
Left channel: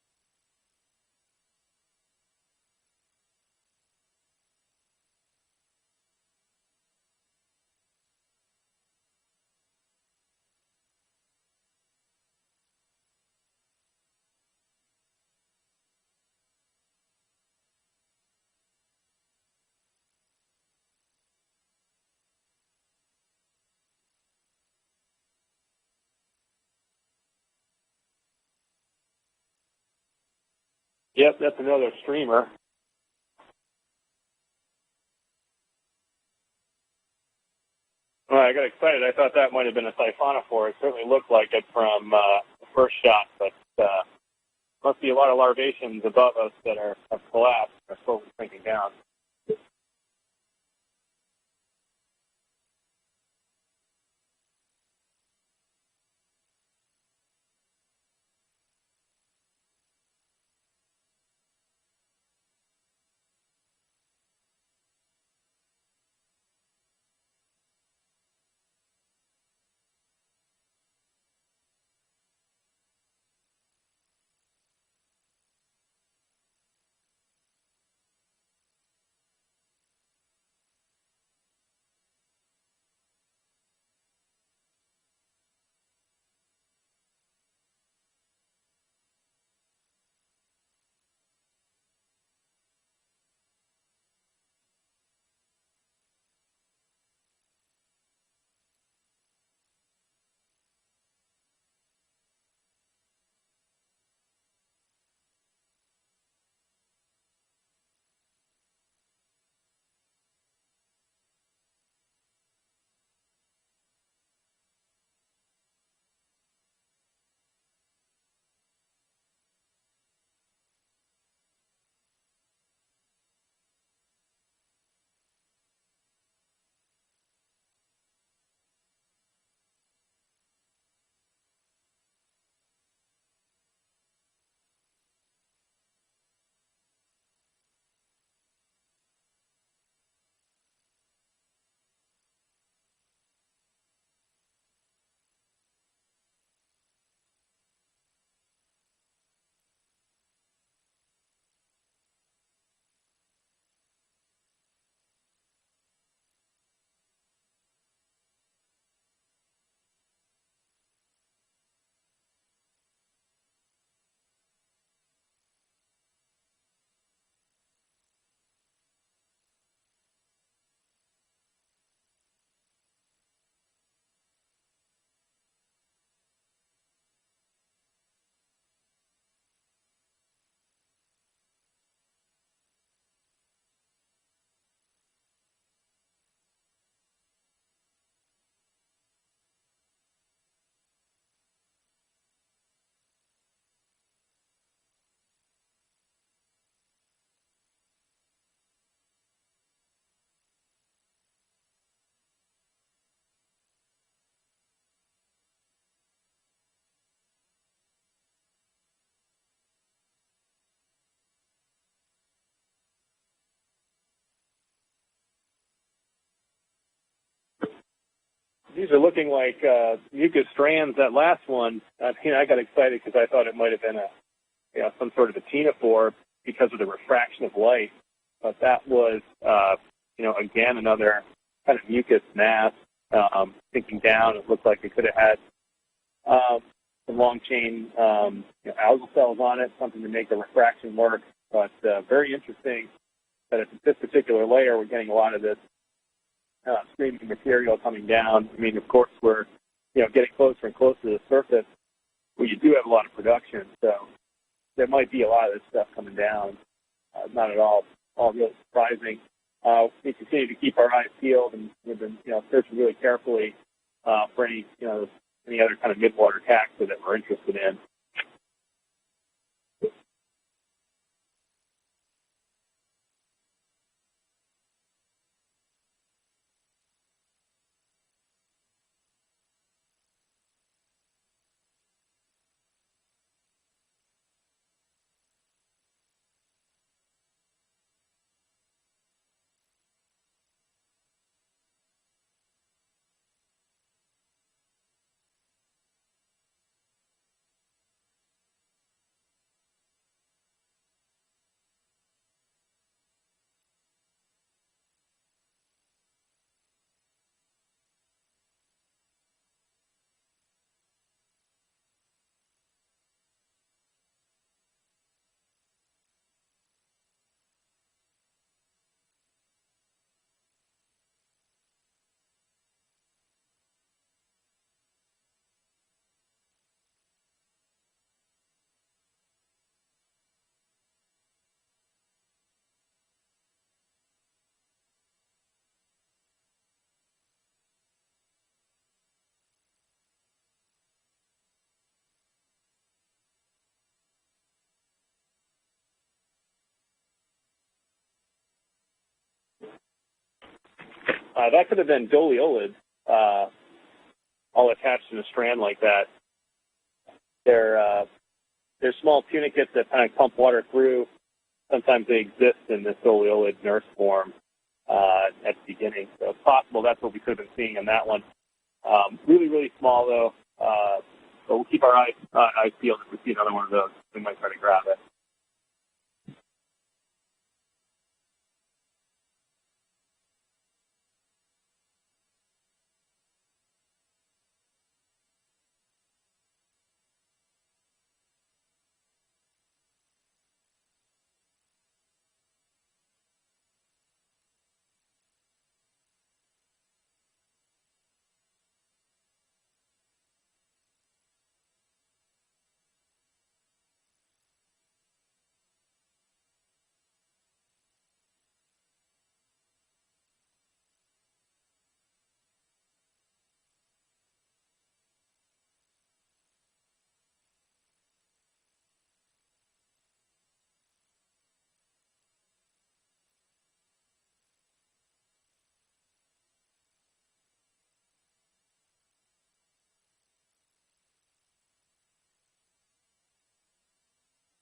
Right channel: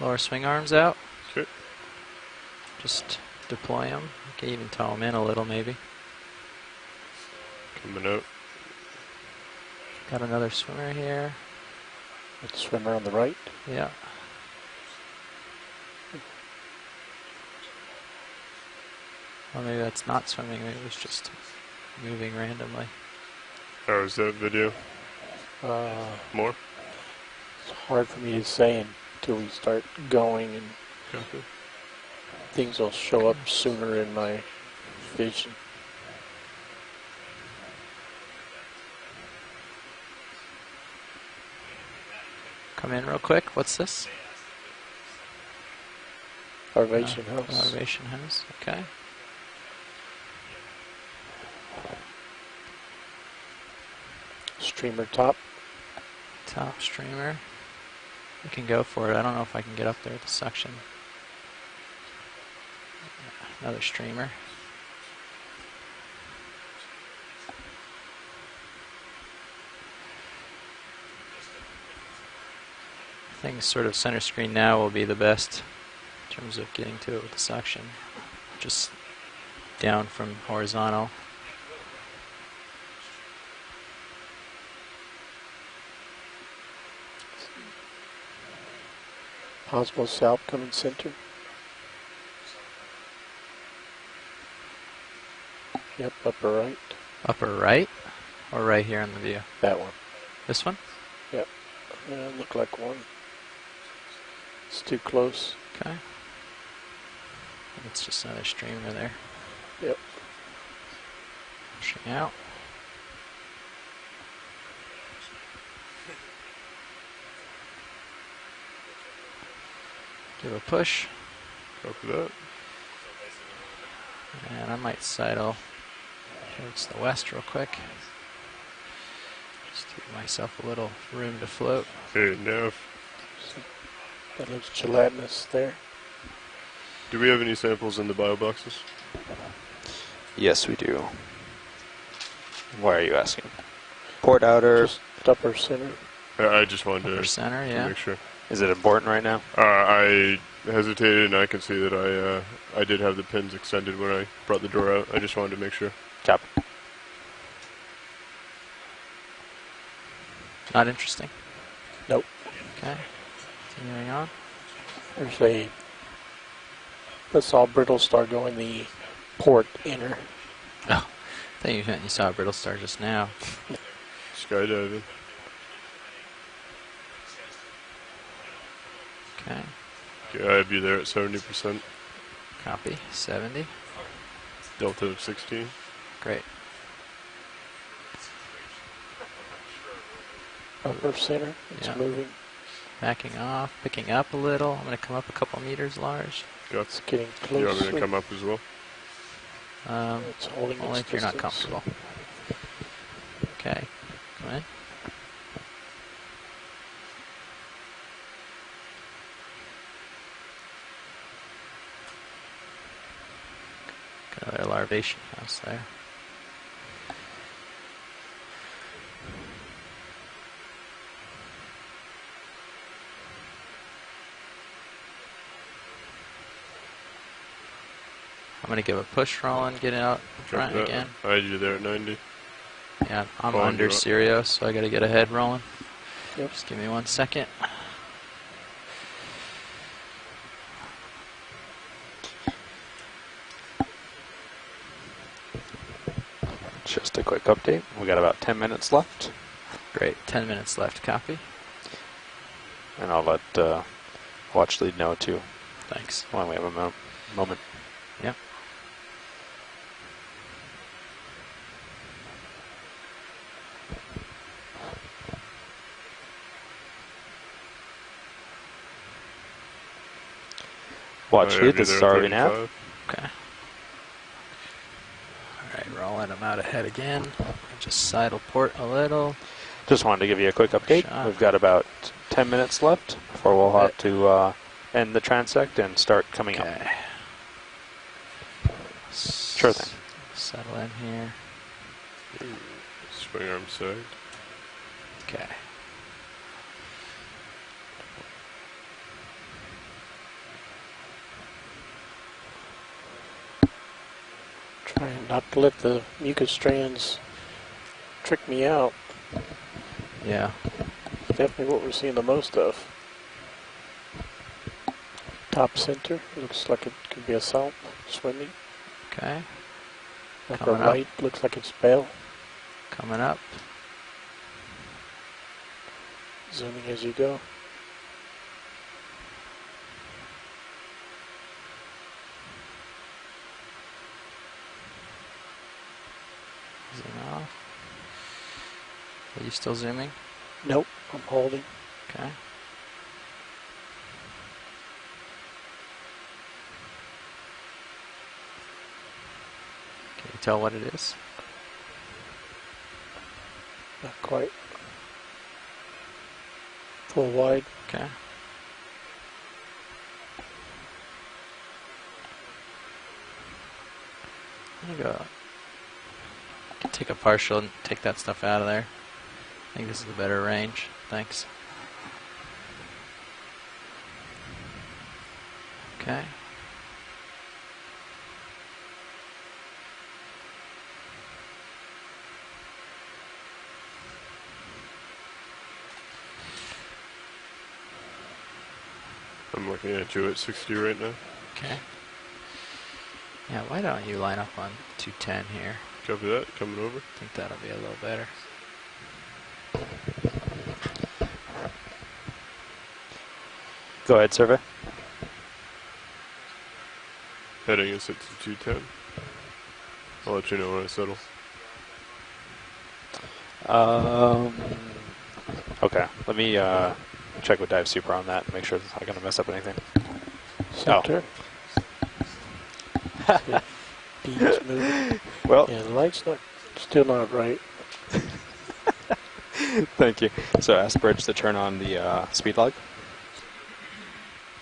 Lower swing arms out. Okay. Just deploy them. You can even tow them in a little maybe. Coming out. Got another swimmer here. With the swimmer on the right. Yeah. Well, maybe that's not swimming. Maybe it was just moving randomly. Oh, is that video? More? It's hard for me to say until we start going, and yep, that's another streamer. things will show up sooner in my vision. Well, I got excited. I thought that might have been a siphonophore. It certainly looked like it from the first in shot. real quick. But, What's this? Must be a lot of larvaceans above us that Larvation have collapsed. Larvation That's hose, thinking okay. down. Streamer top. Top streamer. We can go for it. I don't know if I can get up there with the suction. Another streamer. I think sort of center screen now will be the best in terms of getting to it with the suction. Just down from horizontal. Possible salp coming center. Yep, upper right. Upper right? Or right here in the view? That one. This one? Yep. Look like one. It's too close. Okay. It's just another streamer there. Yep. Pushing out. Give a push. Copy that. And I might sidle towards the west real quick. Just to give myself a little room to float. Okay, nav. That looks gelatinous there. Do we have any samples in the bio boxes? Yes, we do. Why are you asking? Port outer. Just upper center. I just wanted Upper to center, yeah. make sure. Is it important right now? I hesitated, and I can see that I did have the pins extended when I brought the door out. I just wanted to make sure. Copy. Not interesting. Nope. Okay. Continuing on. There's a Basalt brittle star going the port inner. Oh, I thought you saw a brittle star just now. Skydiving. Okay. Okay, I'd be there at 70%. Copy. 70. Delta of 16. Great. Upper center. It's Yeah. moving. Backing off, picking up a little. I'm going to come up a couple meters large. Got It's getting You want me closer. to come up as well? It's holding Only its if you're not distance. comfortable. Okay. Come in. Got another larvation house there. These are looking like mucus strands. That last one, I got excited because I thought it might have been some sort of a ctenophore because of the refraction of light. But that give was a push run, get out. Again, another I do there kind at of 90. mucus mass. Yeah, I'm on under down, stereo, so I got to get a head rolling. Just give me 1 some long second. chain algae cells on it, something to make the refraction work. But very interesting that at this particular layer, we're getting a lot of this. Just a quick material update. coming We got about down. 10 I mean, minutes of course, left. we're Great, getting 10 closer minutes and closer left, to the copy. surface. Well, you do have a lot And of I'll production, so watch there the might note be a too. lot of this stuff Thanks. coming While down. we have a moment. Not at all really surprising. We continue to keep our eyes peeled, and we've been searching really carefully for any other kind of midwater taxa that we're interested in. Watch I'd you, be this there is at ROV nav. 35. Okay. Alright, rolling them out ahead again. Just sidle port a little. Just wanted to give you a quick update. Shot. We've got about 10 minutes left before we'll have to end the transect and start coming up. Okay. Sure thing. Settle in here. Swing arm side. Okay. Trying not to let the mucus strands trick me out. Yeah. Definitely what we're seeing the most of. Top center. Looks like it could be a salp swimming. Okay. Upper right looks like it's Bell. Coming up. Zooming as you go. Zoom off. Are you still zooming? Nope, I'm holding. Okay. Can you tell what it is? That could have been doliolid. Not quite. All attached in a strand like that. Full wide. They're small tunicates that kind of pump water through. Sometimes they exist in this doliolid nurse form at the beginning. So it's possible that's what we're seeing in that one. Stuff out of there. Really, really small though. Better range. Thanks. So we'll keep our eyes peeled if we see another one of those. We might try to grab it. Okay. I'm looking at you at 60 right now. Okay. Yeah, why don't you line up on 210 here? Copy that. Coming over. I think that'll be a little better. Go ahead, survey. Heading is at 210. I'll let you know when I settle. Okay, let me check with Dive Super on that and make sure it's not going to mess up anything. Center. Beams moving. Well, yeah, the light's still not right. Thank you. So ask Bridge to turn on the speed log.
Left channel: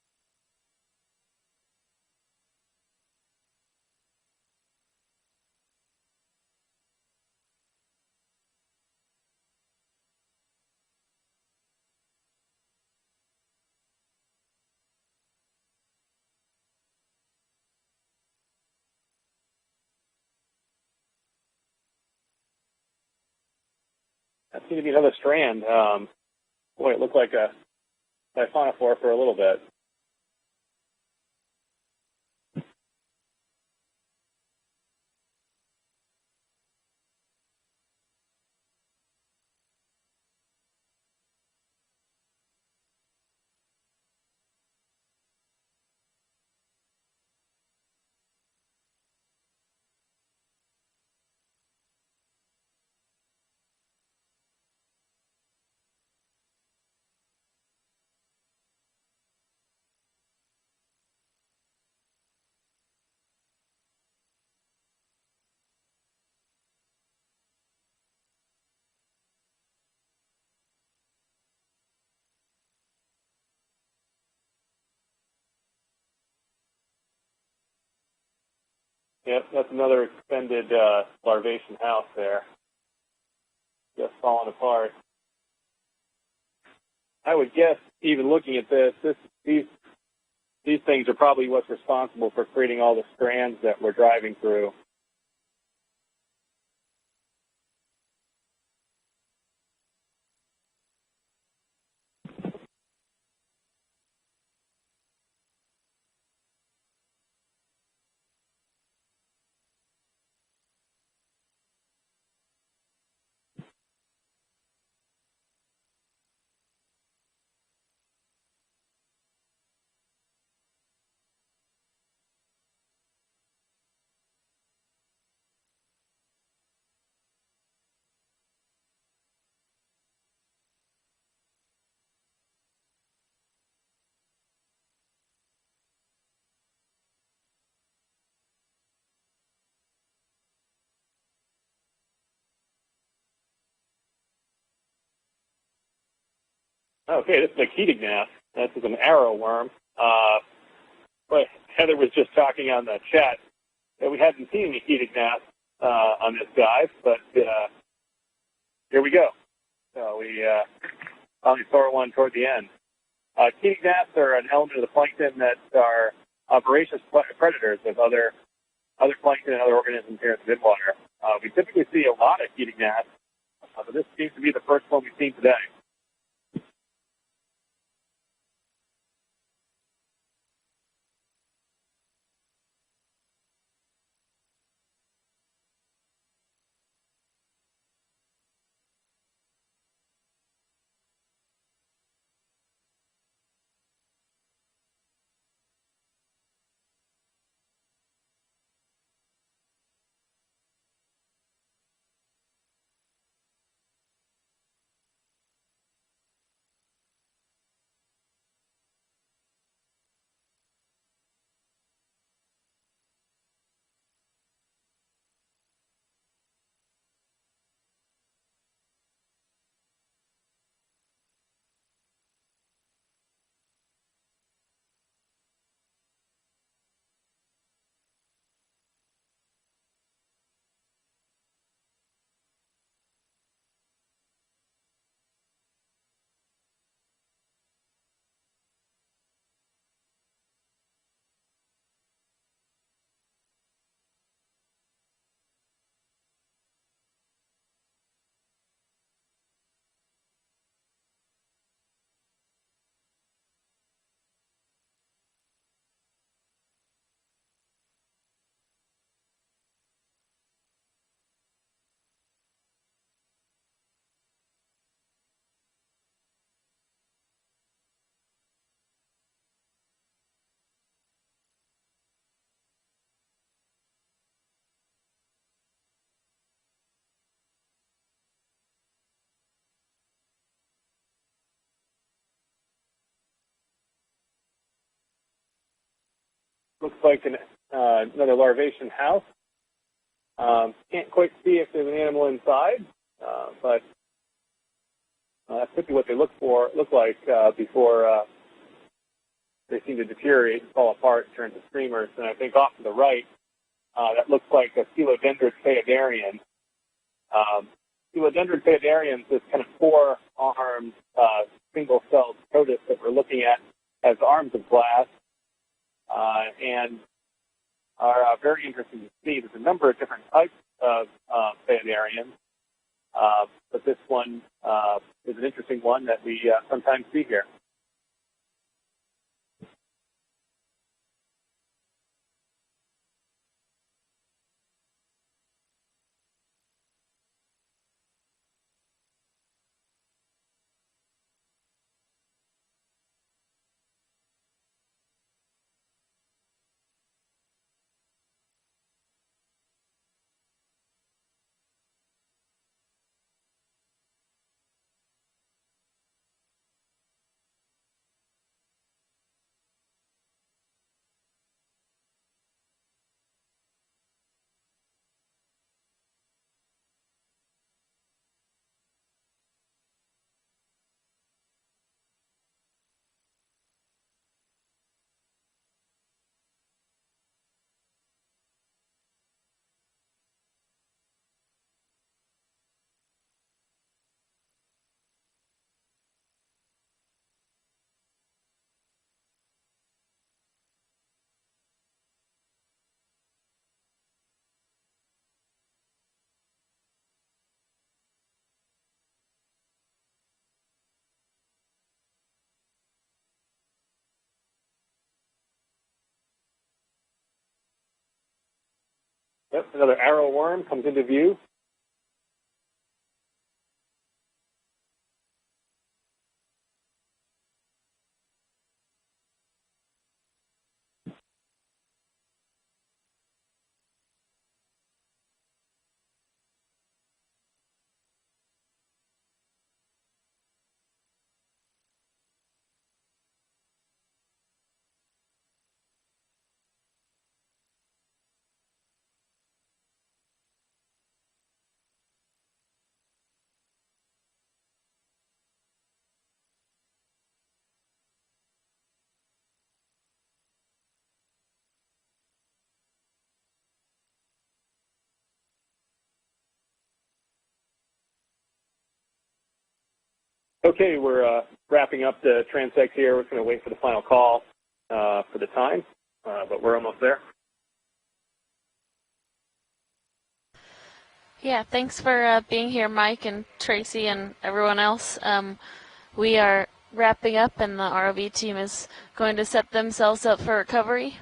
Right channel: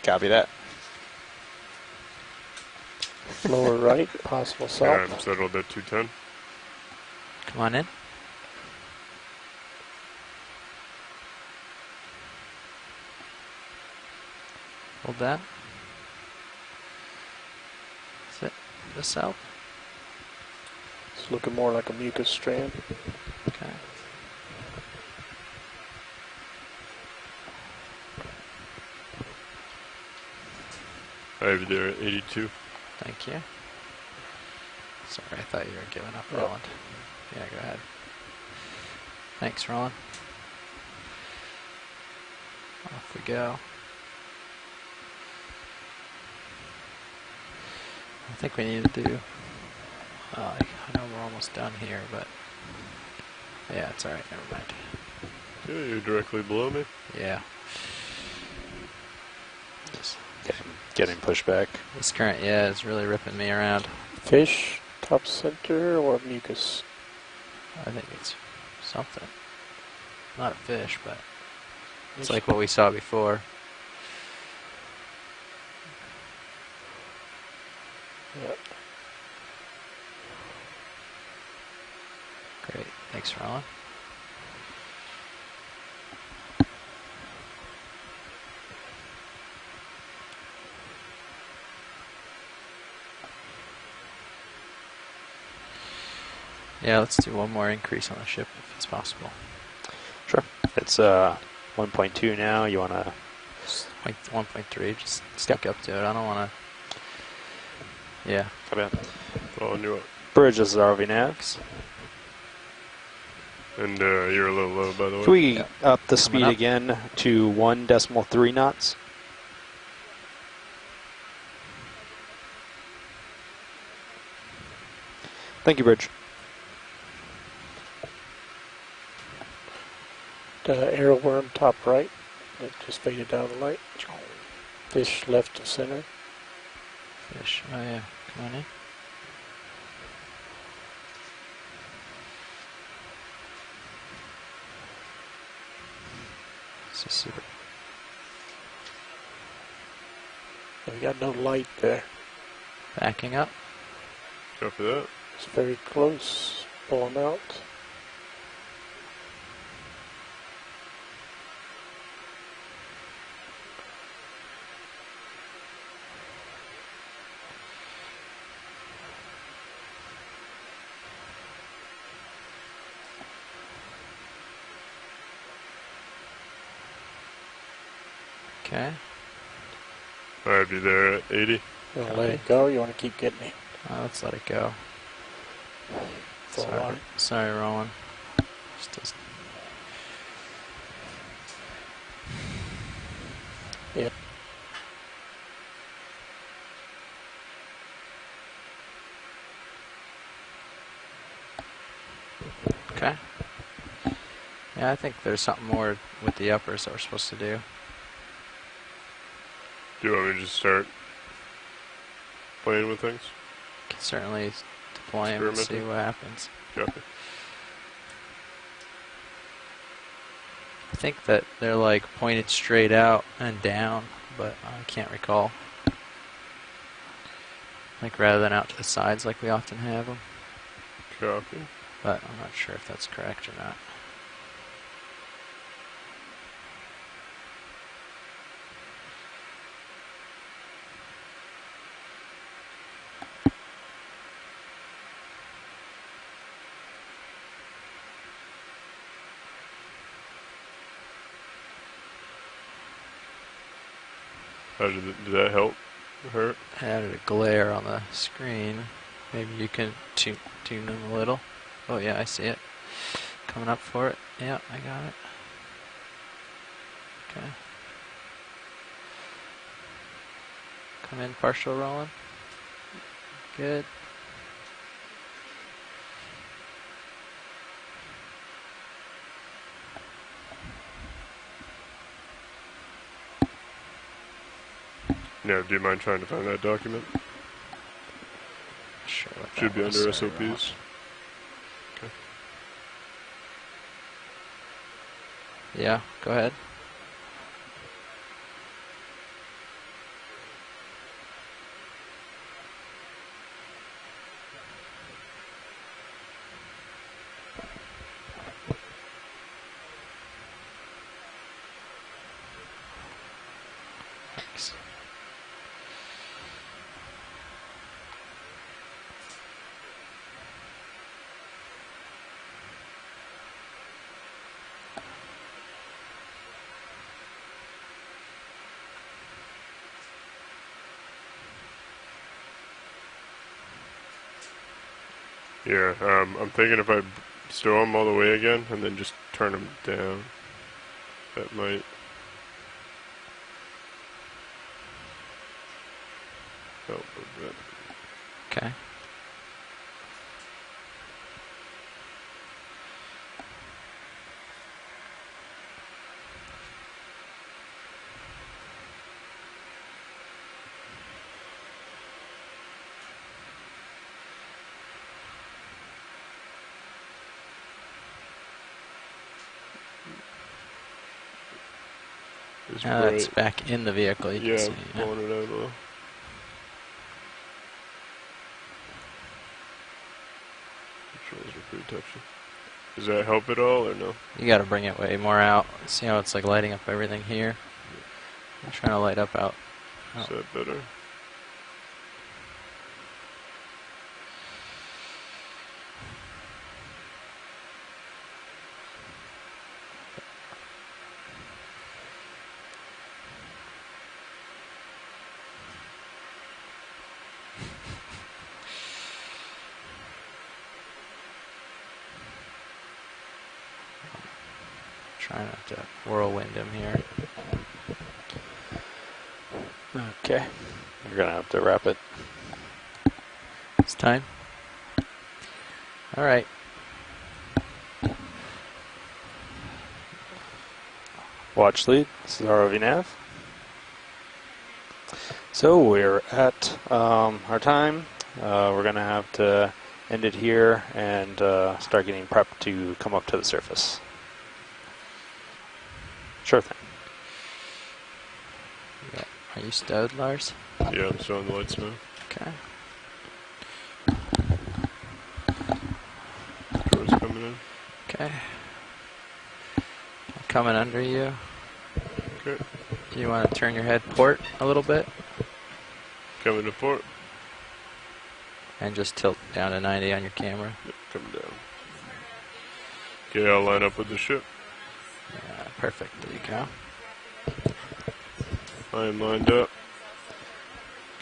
Copy that. Lower right, possible Yeah, salt. I'm settled at 210. Come on in. Hold that. Is it the south? It's looking more like a mucus strand. Okay. That seems to be another strand. Boy, it looked like a siphonophore for a little bit. I have you there at 82. Thank you. Sorry, I thought you were giving up, Roland. Yeah, go ahead. Thanks, Roland. Off we go. I think we need to do, I know we're almost done here, but yeah, it's alright, never mind. Yeah, you're directly below me. Yeah. Getting pushed back. This current, yeah, is really ripping me around. Fish, top center, or mucus? I think it's something. Not a fish, but it's like what we saw before. Yep, that's another extended larvation house there. Great, thanks, Roland. Just falling apart. I would guess, even looking at this, these things are probably what's responsible for creating all the strands that we're driving through. Yeah, let's do one more increase on the ship if it's possible. Sure. It's 1.2 now. You want to... 1.3, just stick up to it. I don't want to... Yeah. Copy that. Following you up. Bridge, this is ROV Navs. And you're a little low, by the way. Can we up the speed again to 1.3 knots? Thank you, Bridge. The arrow worm top right. It just faded down the light. Fish left to center. Fish, oh yeah, come on in. Okay, this is a Ketignath. This is an arrow worm. We got no light. Heather was just talking on the chat up. that we haven't seen any Ketignaths on this dive, but here we go. So we finally saw one toward the end. Ketignaths are an element of the plankton that are voracious predators of other plankton and other organisms here in the midwater. We typically see a lot of Ketignaths, but this seems to be the first one we've seen today. Okay. I have you there at 80. You want to let it go? You want to keep getting it? Let's let it go. Sorry, Roland. Just Yep. Okay. Yeah, I think there's something more with the uppers that we're supposed to do. Do you want me to just start playing with things? Can certainly deploy them and see what happens. Copy. I think that they're like pointed straight out and down, but I can't recall. Like rather than out to the sides like we often have them. Copy. But I'm not sure if that's correct or not. Did that help? Hurt? I added a glare on the screen. Maybe you can tune them a little. Oh yeah, I see it. Coming up for it. Yeah, I got it. Okay. Come in, partial rolling. Good. No, do you mind trying to find that document? Looks like another larvation house. Sure, should be under SOPs. Can't quite see if there's an animal inside, but that's what they look like before they seem to deteriorate and fall apart and turn to streamers. And I think off to the right, that looks like a Coelodendron phaidarian. Coelodendron phaidarians is kind of four-armed, single-celled protus that we're looking at, has arms of glass, and are very interesting to see. There's a number of different types of phaidarians, but this one is an interesting one that we sometimes see here. Yeah, I'm thinking if I stow them all the way again and then just turn them down, that might help a bit. Okay. Now that's back in the vehicle. You can see. Yeah, pulling it out a little. Controls are pretty touchy. Does that help at all or no? You got to bring it way more out. See how it's like lighting up everything here? I'm trying to light up out. Is that better? Yep, another arrow worm comes into view. Trying not to whirlwind him here. Okay. You're going to have to wrap it. It's time. All right. Watch lead. This is ROV nav. So we're at our time. We're going to have to end it here and start getting prepped to come up to the surface. Sure thing. Yeah. Are you stowed, Lars? Yeah, I'm still on the lights now. Okay. Doors coming in. Okay. Coming okay, under we're you. Wrapping up the transect here. You want to turn your head port a little bit? For the time. Coming we're to port. almost there. And just tilt down to 90 on your camera. Yeah, thanks for being here, Mike and Tracy and everyone else. Perfect. We are wrapping up, and the ROV team is going to set themselves up for recovery.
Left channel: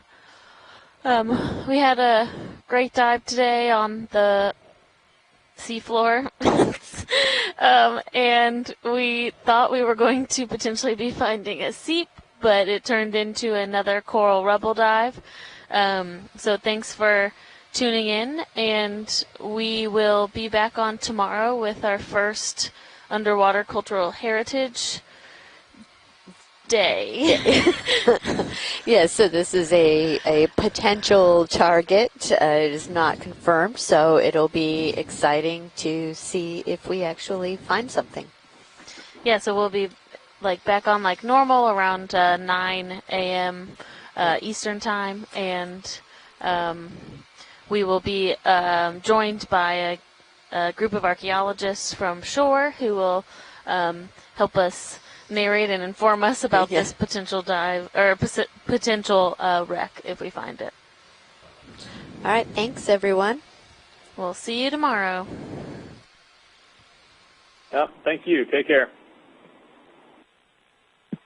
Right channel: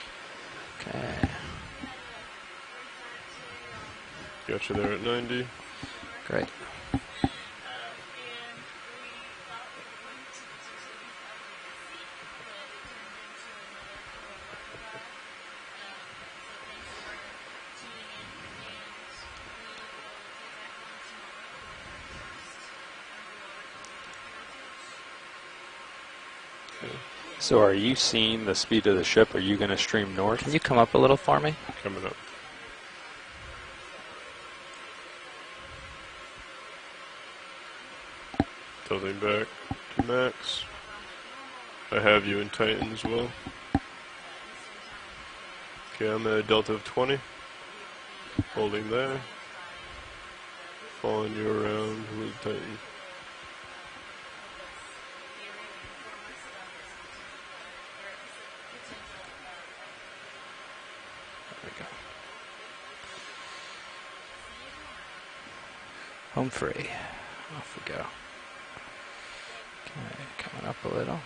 Okay. We had a great dive today on the Got you there at 90. seafloor. And we thought we were going to potentially be finding a seep, but it turned into another coral rubble dive. So thanks for tuning in, and we will be back on tomorrow with our first underwater cultural heritage day. So are you seeing the speed of the ship? So this is a potential target. It is not confirmed, so it'll be exciting to see if we actually find something. Yeah, so we'll be like back on like normal around 9 a.m. Eastern time, and I'm at a delta of 20. We will be joined by a group of archaeologists from shore who will help us narrate and inform us about this potential dive or potential wreck if we find it. All right, thanks everyone. We'll see you tomorrow. Home free. Thank you. Take care. Okay, coming up a little.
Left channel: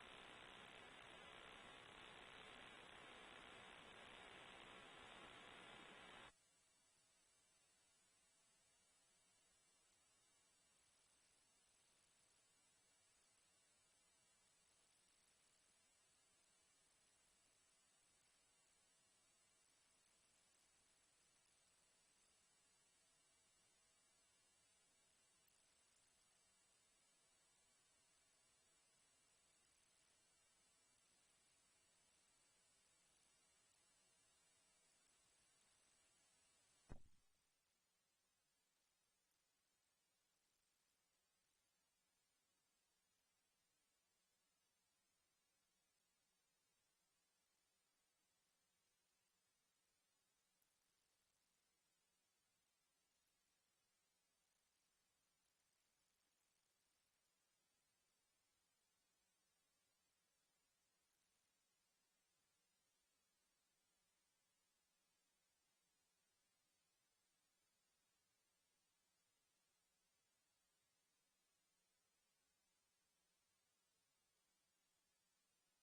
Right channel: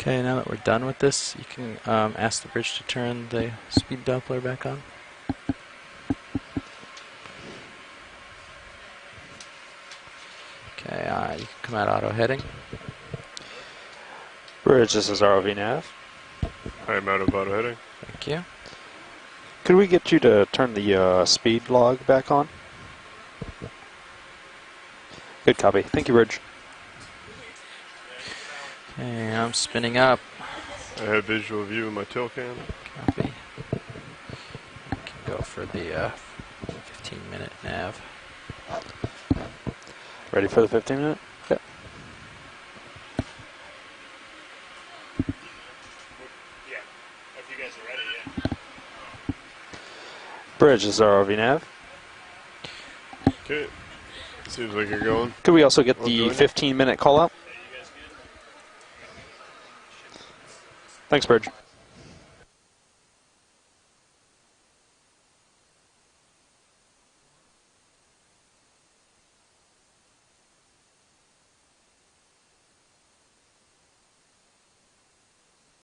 Okay, now that we're done with this, you can ask the bridge to turn the speed Doppler back on. Okay, you can come out auto heading. Bridge, this is ROV nav. I'm out of auto heading. Thank you. Could we get you to turn the speed log back on? Good copy. Thank you, Bridge. Okay, I'm spinning up. I have visual view in my tail cam. Copy. We can go for the 15-minute nav. Ready for the 15-minute? Okay. Yeah, if you guys are ready, yeah. Bridge, this is ROV nav. Okay. Seems like you're going. Could we also get the 15-minute call out? Thanks, Bridge.